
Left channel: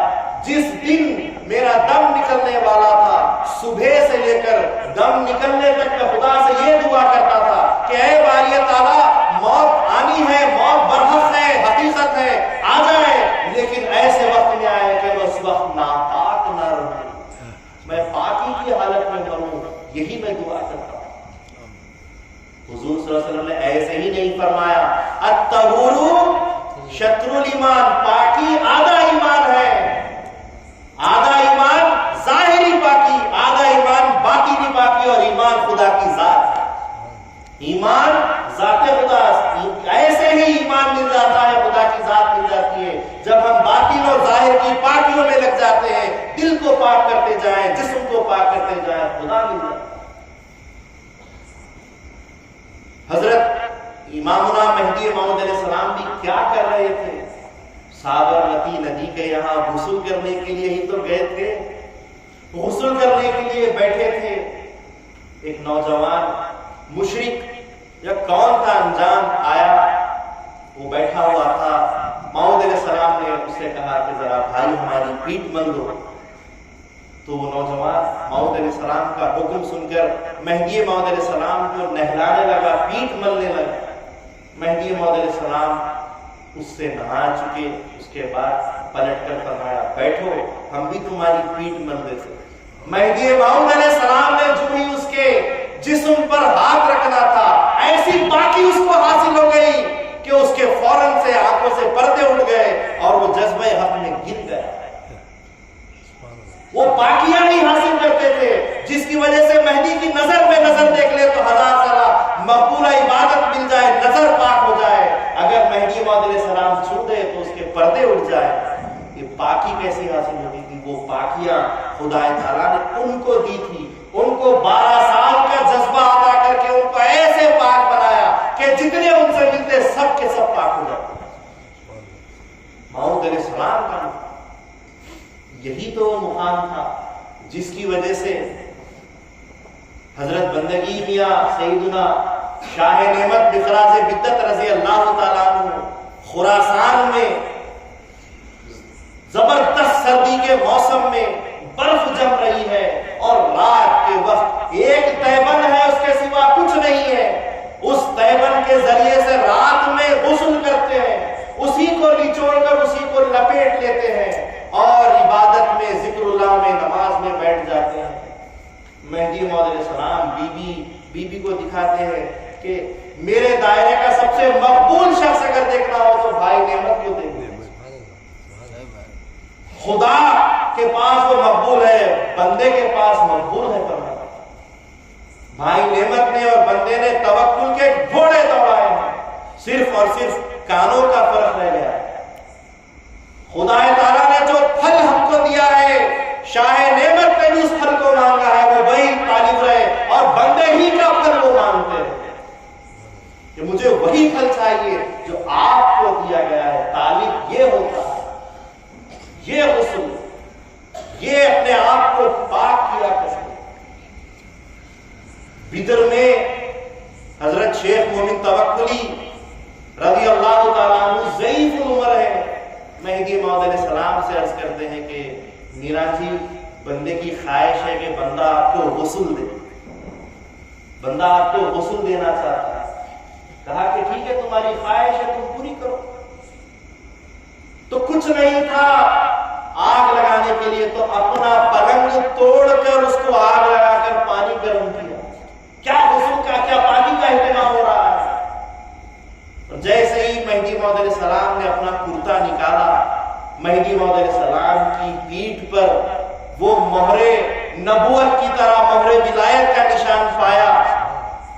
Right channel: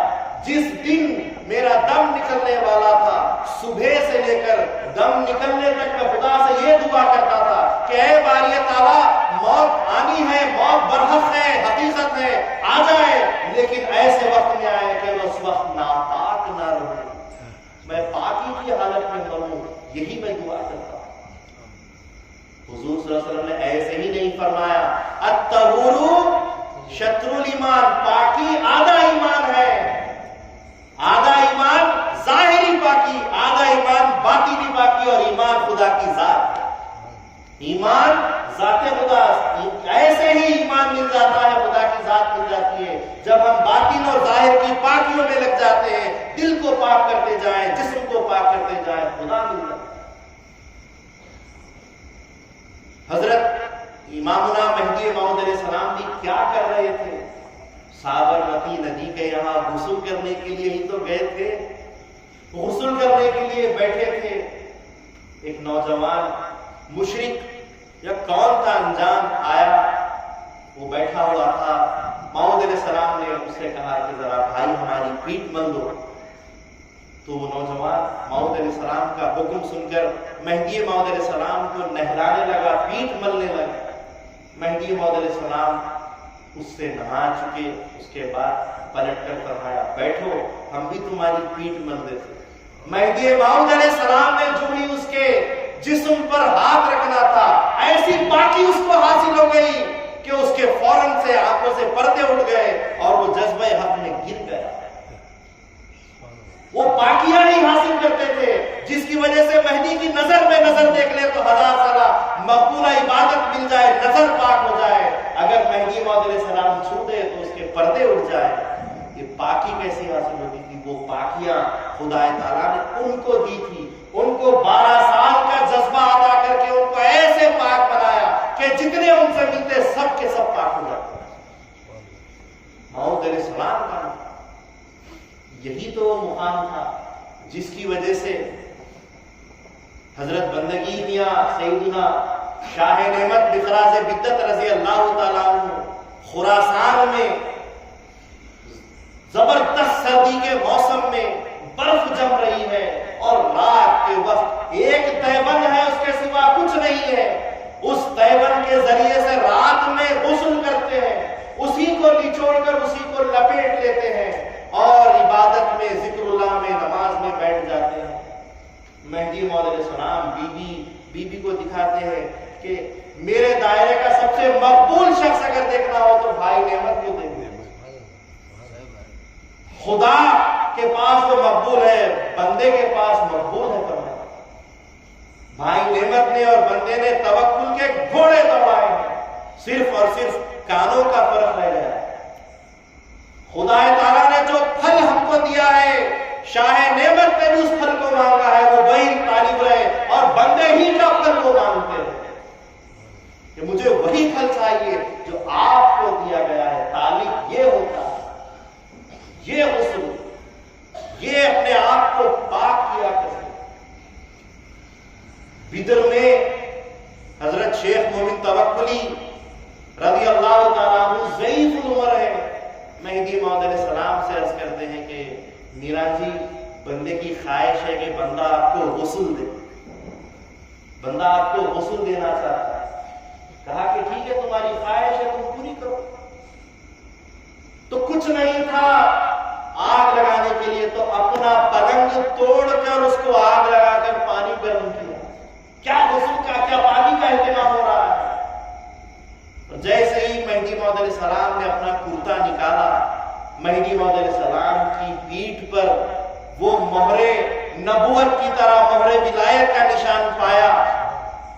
جس دن میرا دم نکلنے والا تھا, صبح سے لے کر دم نکلنے تک میں خدا سے یہ دعا کرتا تھا کہ اے باری تعالیٰ, موت آنی ہے, موت برحق ہے, حقیقت ہے, آ جائے, لیکن ایسے وقت میں آئے کہ میں اس وقت ناپاک نہ رہوں, میں پاکی کی حالت میں مروں. یہی میں دعا کرتا ہوں. حضور صلی اللہ علیہ وسلم نے ایسے ہی نہیں فرمایا الطہور شطر الایمان, پاکی آدھا ایمان ہے. آدھا ایمان ظاہری پاکی, آدھا ایمان باطنی پاکی, اور ایمان خدا کی ذات. ایمان ذات خدا, ایسے ہی ایمان مل جاتا ہے, خدا کی ذات مل جاتی ہے جب ہم باطن اور ظاہر کی پاکیوں میں لگ جاتے ہیں. دل کو پاک کرتے جائیں, جسم کو پاک کرتے جائیں, خدا مل جاتا ہے. حضرت امامنا مہدی موعود علیہ السلام بھی کیا کر رہے تھے؟ سابرمتی ندی کے یہاں غسل کرنے کے لیے ہی تو گئے تھے, غسل کرنے کے لیے بیٹھے تھے. ایک نوجوان مشرک یا کون تھا انجان آیا, وہ بیٹھا ہوا تھا. موعود علیہ السلام نے اس سے کہا کہ ذرا بھائی ہماری پیٹھ مل دو. تو وہ نوجوان موعود علیہ السلام کا حکم سن کر مہدی موعود علیہ السلام کو نہلانے لگا, پیٹھ ملنے لگا. مہدی موعود علیہ السلام اس سے نہا چکے, اس کے بعد پلٹ کر فرمایا بیٹھو, ہم بھی تمہاری پیٹھ مل دیتے. مہدی موعود علیہ السلام نے جو ہی اس کے جسم پر ہاتھ رکھنا تھا, ایسی پاکی اس کو حاصل ہو گئی کہ اس کے فوراً سے آنکھوں سے پردے اٹھ گئے اور وہ جذبہ حق میں گر گیا. وہ پاکیاں ہی حاصل کرتے تھے جس کی وجہ سے مہدی کی نظر میں نظر دیکھ لے تو 1000 سالہ مقبولہ عبادت مل جائے, نظر پاک ہو جائے. اگر مہدی موعود علیہ السلام چھو دے تو اس کے پردے اٹھ جائے. یہ پاکی کیسی حاصل ہوگی تھی؟ وہ پاکیاں خدا تعالیٰ نے ان کو دی تھی. ان کو 12 سال کا جذبہ عطا کر کے ان کو ایسے پاک بنایا کہ جتنے ان سے ملتے سب کے سب پاک ہو جاتے. موعود علیہ السلام کا یہی تو مقام تھا جس کی وجہ سے حضرت بندگی میاں سیدنا شاہ نعمت بخراز بدت رضی اللہ تعالیٰ عنہ خراسان میں زبردست سردی کے موسم میں برف جم رہی ہے اور رات کے وقت ایک تیبن ہے, اس کے سوا کچھ نہیں ہے. اس تیبن کے ذریعے سے رات میں غسل کرتے ہیں, اسی کو نچوڑ کر اسی کو لپیٹ لیتے ہیں اور عبادت میں, ذکر اللہ میں, نماز میں بیٹھ جاتے ہیں. مہدی موعود علیہ السلام بی بی کو دکھاتے ہیں کہ میرے دائرے کا سب سے مقبول شخص اگر دیکھنا ہو تو بھائی نعمت کو دیکھیں. خدا کے پاس وہ مقبول ہے, بندے کے پاس مقبول ہے. فرمایا بھائی نعمت نے اور بندے نے توکل کے گھوڑے دوڑائے ہیں, صرف اور صرف کانوں کا فرق رہ گیا. خدا تعالیٰ نے جو پھل ہم کو دیا ہے, شاہ نعمت نے بھی اس پھل کو مانگا ہے, وہ وہی طالب رہے اور بندے ہی کا پھل وہ مانگتے ہیں کہ مجھے وہی پھل چاہیے جو آپ کو دیا گیا ہے. طالب یہ ہوتا ہے, یہ غسل, یہ اپنے آپ کو پاک کیا کرتے. بدر میں حضرت شیخ مومن توکلی رضی اللہ تعالیٰ عنہ ضعیف العمر ہے. مہدی موعود علیہ السلام سے عرض کرتے ہیں کہ میرا جی بندے کی خواہش ہے کہ بندہ آپ کو غسل دے، بندہ آپ کو غسل دینا چاہتا ہے. کہا کہ ٹھیک ہے تمہاری خواہش ہے تم پوری کرو. تو کچھ نہیں تھا آگ لگانے کے لیے تو اپنا پلنگ توڑ کر اس کو آگ لگا کر پانی گرم کیا. کیا غسل کا کیا پانی کا اہتمام ہو رہا ہے. اور جیسے ہی مہدی موعود علیہ السلام نے اپنا کرتا نکالا، مہدی موعود علیہ السلام کی پیٹھ پر وہ مہر نبوت کی طرح مہر ولایت کا نشان پایا.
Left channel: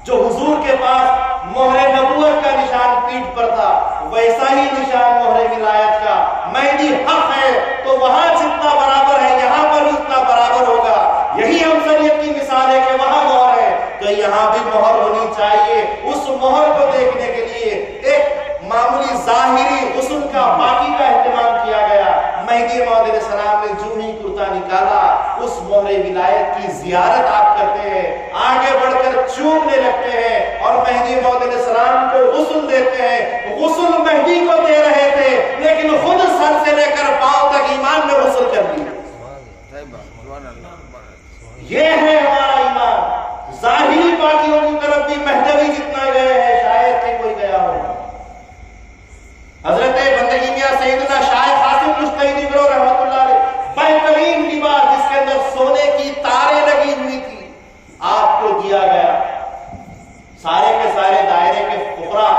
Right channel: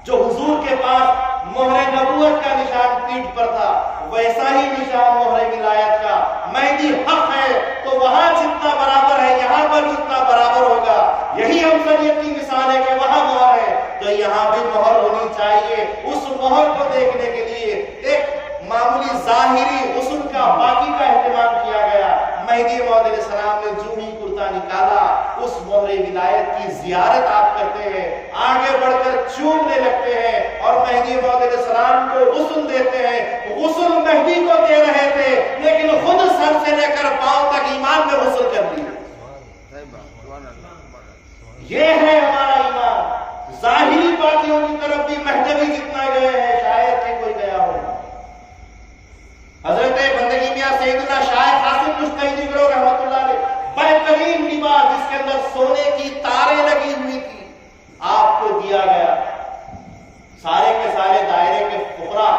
جو حضور کے پاس مہر نبوت کا نشان پیٹھ پر تھا ویسا ہی نشان مہر ولایت کا. مہدی حق ہے تو وہاں جتنا برابر ہے یہاں پر بھی اتنا برابر ہوگا. یہی ہم شریعت کی مثال ہے کہ وہاں مہر ہے تو یہاں بھی مہر ہونی چاہیے. اس مہر کو دیکھنے کے لیے ایک معمولی ظاہری غسل کا باقی کا اہتمام کیا گیا. مہدی موعود علیہ السلام نے جو ہی کرتا نکالا اس مہر ولایت کی زیارت آپ کرتے ہیں، آگے بڑھ کر چومنے لگتے ہیں اور مہدی موعود علیہ السلام کو غسل دیتے ہیں. غسل مہدی کو دے رہے تھے لیکن خود سر سے لے کر پاؤں تک ایمان میں غسل کر لی. یہ ہے ہمارا ایمان. ظاہری پاکیوں کی طرف بھی مہدوی جتنا گئے ہیں شاید کہ کوئی گیا ہو. حضرت بندگی میاں سیدنا شاہ قاسم مجتہدی گروہ رحمت اللہ علیہ بہترین لباس جس کے اندر سونے کی تاریں لگی ہوئی تھی آپ کو دیا گیا. سارے کے سارے دائرے کے فقراء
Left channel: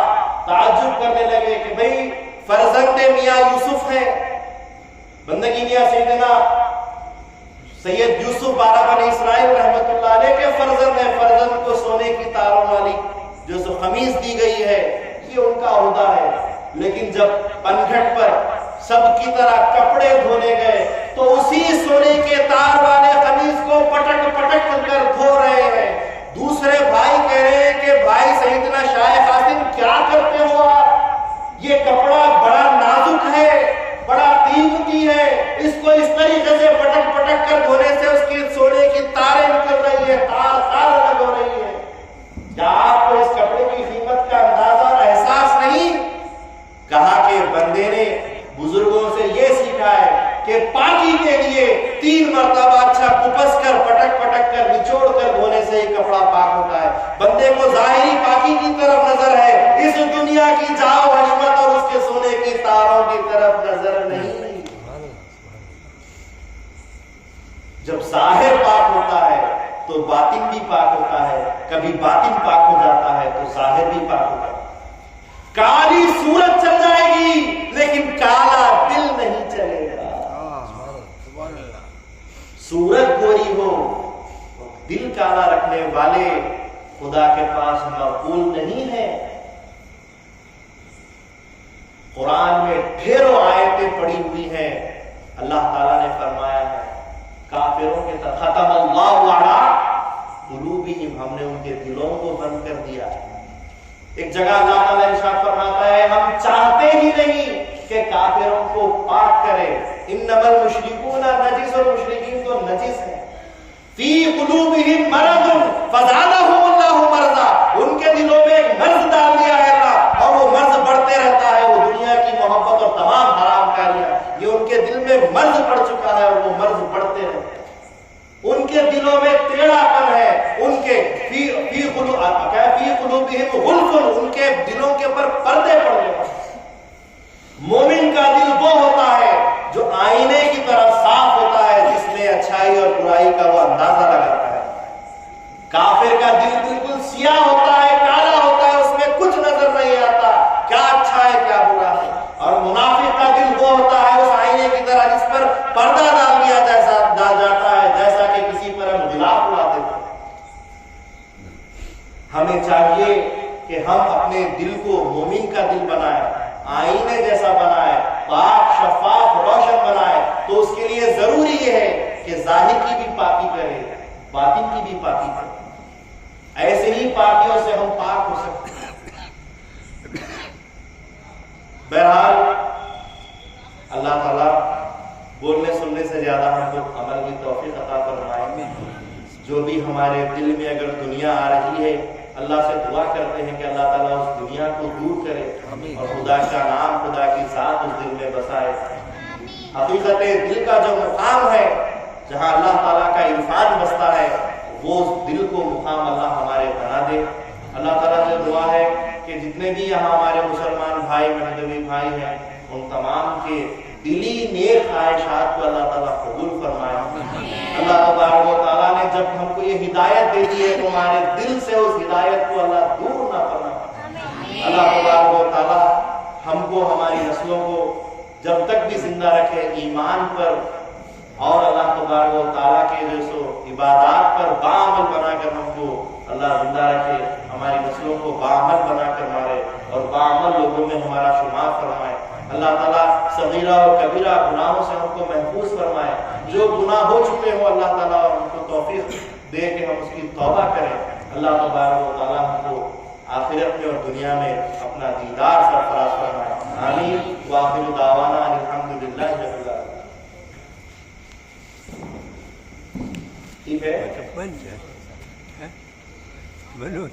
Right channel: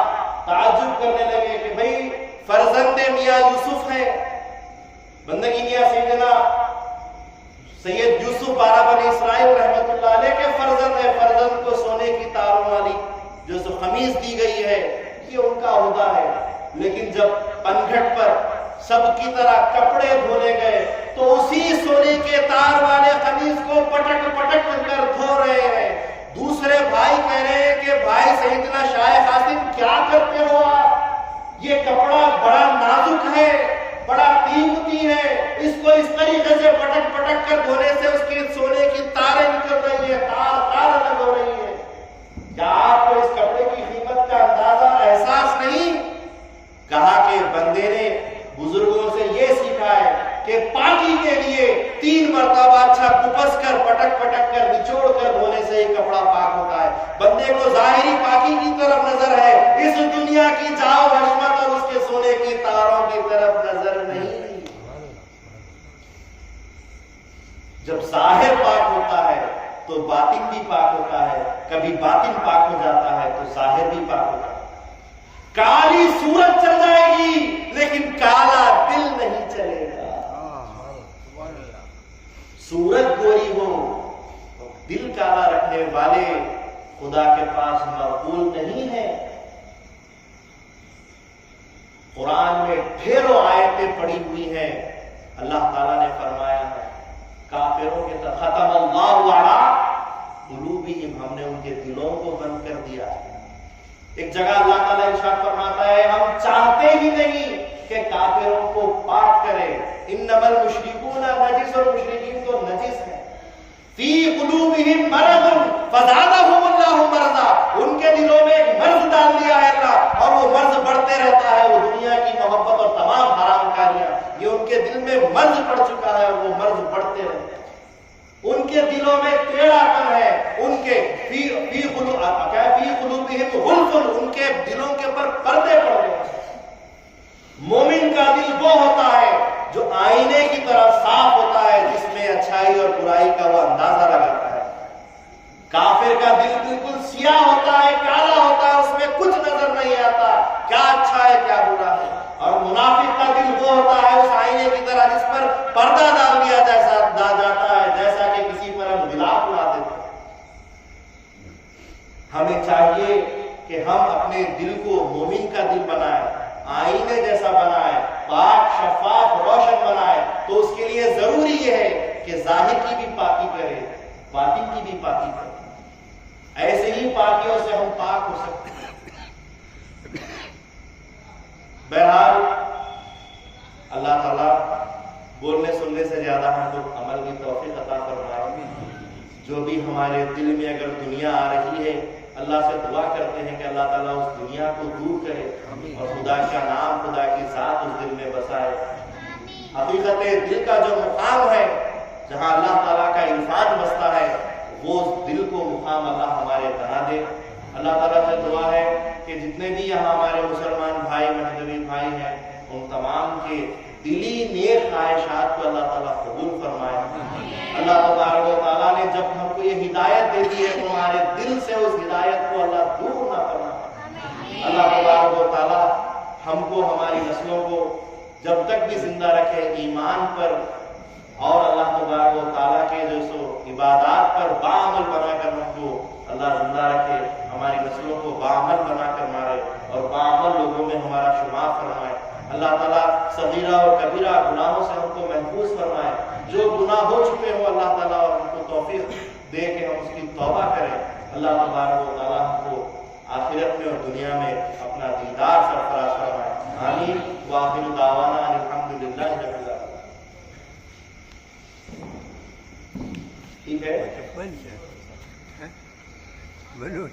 تعجب کرنے لگے کہ بھئی فرزند میاں یوسف ہیں. بندگی میاں سیدنا سید یوسف بارہ بنی اسرائیل رحمت اللہ علیہ کے فرزند ہیں. فرزند کو سونے کی تاروں والی جو سو خمیس دی گئی ہے یہ ان کا عہدہ ہے. لیکن جب پنگھٹ پر سب کی طرح کپڑے دھونے گئے تو اسی سونے کے تار والے خمیس کو پٹک پٹک کر دھو رہے ہیں. دوسرے بھائی کہہ رہے ہیں کہ بھائی سیدنا شاہ قاسم کیا کرتے ہو آپ؟ یہ کپڑا بڑا نازک ہے، بڑا قیمتی ہے، اس کو اس طریقے سے پٹک پٹک کر دھونے سے اس کی سونے کی تاریں نکل رہی ہے، تار الگ ہو رہی ہے. کیا آپ کو اس کپڑے کی قیمت کا اندازہ اور احساس نہیں؟ کہا کہ بندے نے بزرگوں سے یہ سیکھا ہے کہ پاکی کے لیے 3 مرتبہ اچھا کپس کر پٹک پٹک کر نچوڑ کر دھونے سے ہی کپڑا پاک ہوتا ہے. بندے کو ظاہری پاکی کی طرف نظر ہے، اس دنیا کی جاؤ حشمت اور اس کے سونے کی تاروں کی طرف نظر نہیں. جب ظاہر پاک ہوتا ہے تو باطن بھی پاک ہوتا ہے. کبھی باطن پاک ہو جاتا ہے تو ظاہر بھی پاک ہوتا ہے. کالی صورت چل جائے گی لیکن کالا دل نہیں چلے گا. صورت گوری ہو دل کالا رکھنے والے خدا کے پاس مقبول نہیں ہے. قرآن میں ڈھیروں آیتیں پڑی ہوئی ہیں. اللہ تعالیٰ نے فرمایا ہے کافروں کے طرف ختم اللہ علی قلوبہم، ہم نے ان کے دلوں کو بند کر دیا ہے. ایک جگہ اللہ تعالیٰ ارشاد فرماتا ہے ہم چاہتے ہی نہیں کہ کافروں کو پاک کرے. انما المشرکون نجس، اور مشرکین تو نجس ہیں. فی قلوبہم مرض فزادہم اللہ مرضا، ان کے دلوں میں ایک مرض ڈال دیا ہے اللہ اور وہ مرض بڑھتے رہتا ہے. وہ دنیا کی محبت اور تمام حرام کاریاں یہ ان کے دل میں مرض پڑ چکا ہے اور وہ مرض بڑھتے رہتے ہیں. ان کے دلوں میں ٹیڑھا پن ہے. ان کے فی قلوبہم غلف، ان کے دلوں کے اوپر پردے پڑ گئے. مومن کا دل وہ ہوتا ہے جو آئینے کی طرح صاف ہوتا ہے جس میں اچھائی اور برائی کا وہ اندازہ لگاتا ہے. کافر کا دل بالکل سیاہ ہوتا ہے، کالا ہوتا ہے، اس میں کچھ نظر نہیں آتا کیا اچھا ہے کیا برا ہے. اور منافق کا دل وہ ہوتا ہے اس آئینے کی طرح جس پر پردہ ڈال دیا جاتا ہے جیسا کہ کسی پر ہم غلاف اڑا دیتے ہیں. ہمیں چاہیے کہ ہم اپنے دل کو مومن کا دل بنائیں، آئینے جیسا بنائیں، پاک شفاف روشن بنائیں. تو اس کے لیے ضروری یہ ہے کہ ظاہر کی بھی پاکی کرے، باطن کی بھی پاکی کرے. ایسے ہی پاکیوں سے ہم پاک ہو سکتے ہیں. بہرحال اللہ تعالیٰ بولنے سننے سے زیادہ ہم کو عمل کی توفیق عطا فرمائے۔ جو بھی ہمارے دل میں اگر دنیا آ رہی ہے، اللہ سے دعا کرتے ہیں کہ اللہ تعالیٰ اس دنیا کو دور کرے اور خدا کا نام، خدا کی ذات اس دل میں بسائے۔ حقیقت دل کا جو مقام ہے، جہاں اللہ تعالیٰ کا عرفان بستا ہے، وہ اس دل کو مقام اللہ ہمارے بنا دے۔ اللہ تعالیٰ سے دعا ہے کہ جتنے بھی یہاں ہمارے مسلمان بھائی، مہدوی بھائی ہیں، ان تمام کے دلی نیک خواہشات کو اللہ تعالیٰ قبول فرمائے۔ اللہ تبارک و تعالیٰ نے جب ہم کو یہ ہدایت دے دی ہے، تمہارے دل سے اس ہدایت کو اللہ دور نہ فرمائے۔ اللہ تبارک و تعالیٰ ہم کو، ہماری نسلوں کو جب تک بھی زندہ رکھے ایمان پر اور اللہ تبارک و تعالیٰ کے جو سو عبادات پر باعمل بنا کر ہم کو اللہ زندہ رکھے، ہماری نسلوں کو باعمل بنا کر مارے اور باعمل لوگوں میں ہمارا شمار فرمائے۔ اللہ تعالیٰ صغیرہ اور کبیرہ گناہوں سے ہم کو محفوظ فرمائے۔ جو گناہ ہو چکے ہوں اللہ تعالیٰ ہم کو توفیق دے کہ ہم اس کی توبہ کریں۔ اللہ تبارک و تعالیٰ ہم کو آخرت میں اور دنیا میں اپنا دیدار سرفراز فرمائے۔ آمین۔ وآخر دعوانا ان الحمدللہ رب العالمین۔ ٹھیک ہے؟ بنو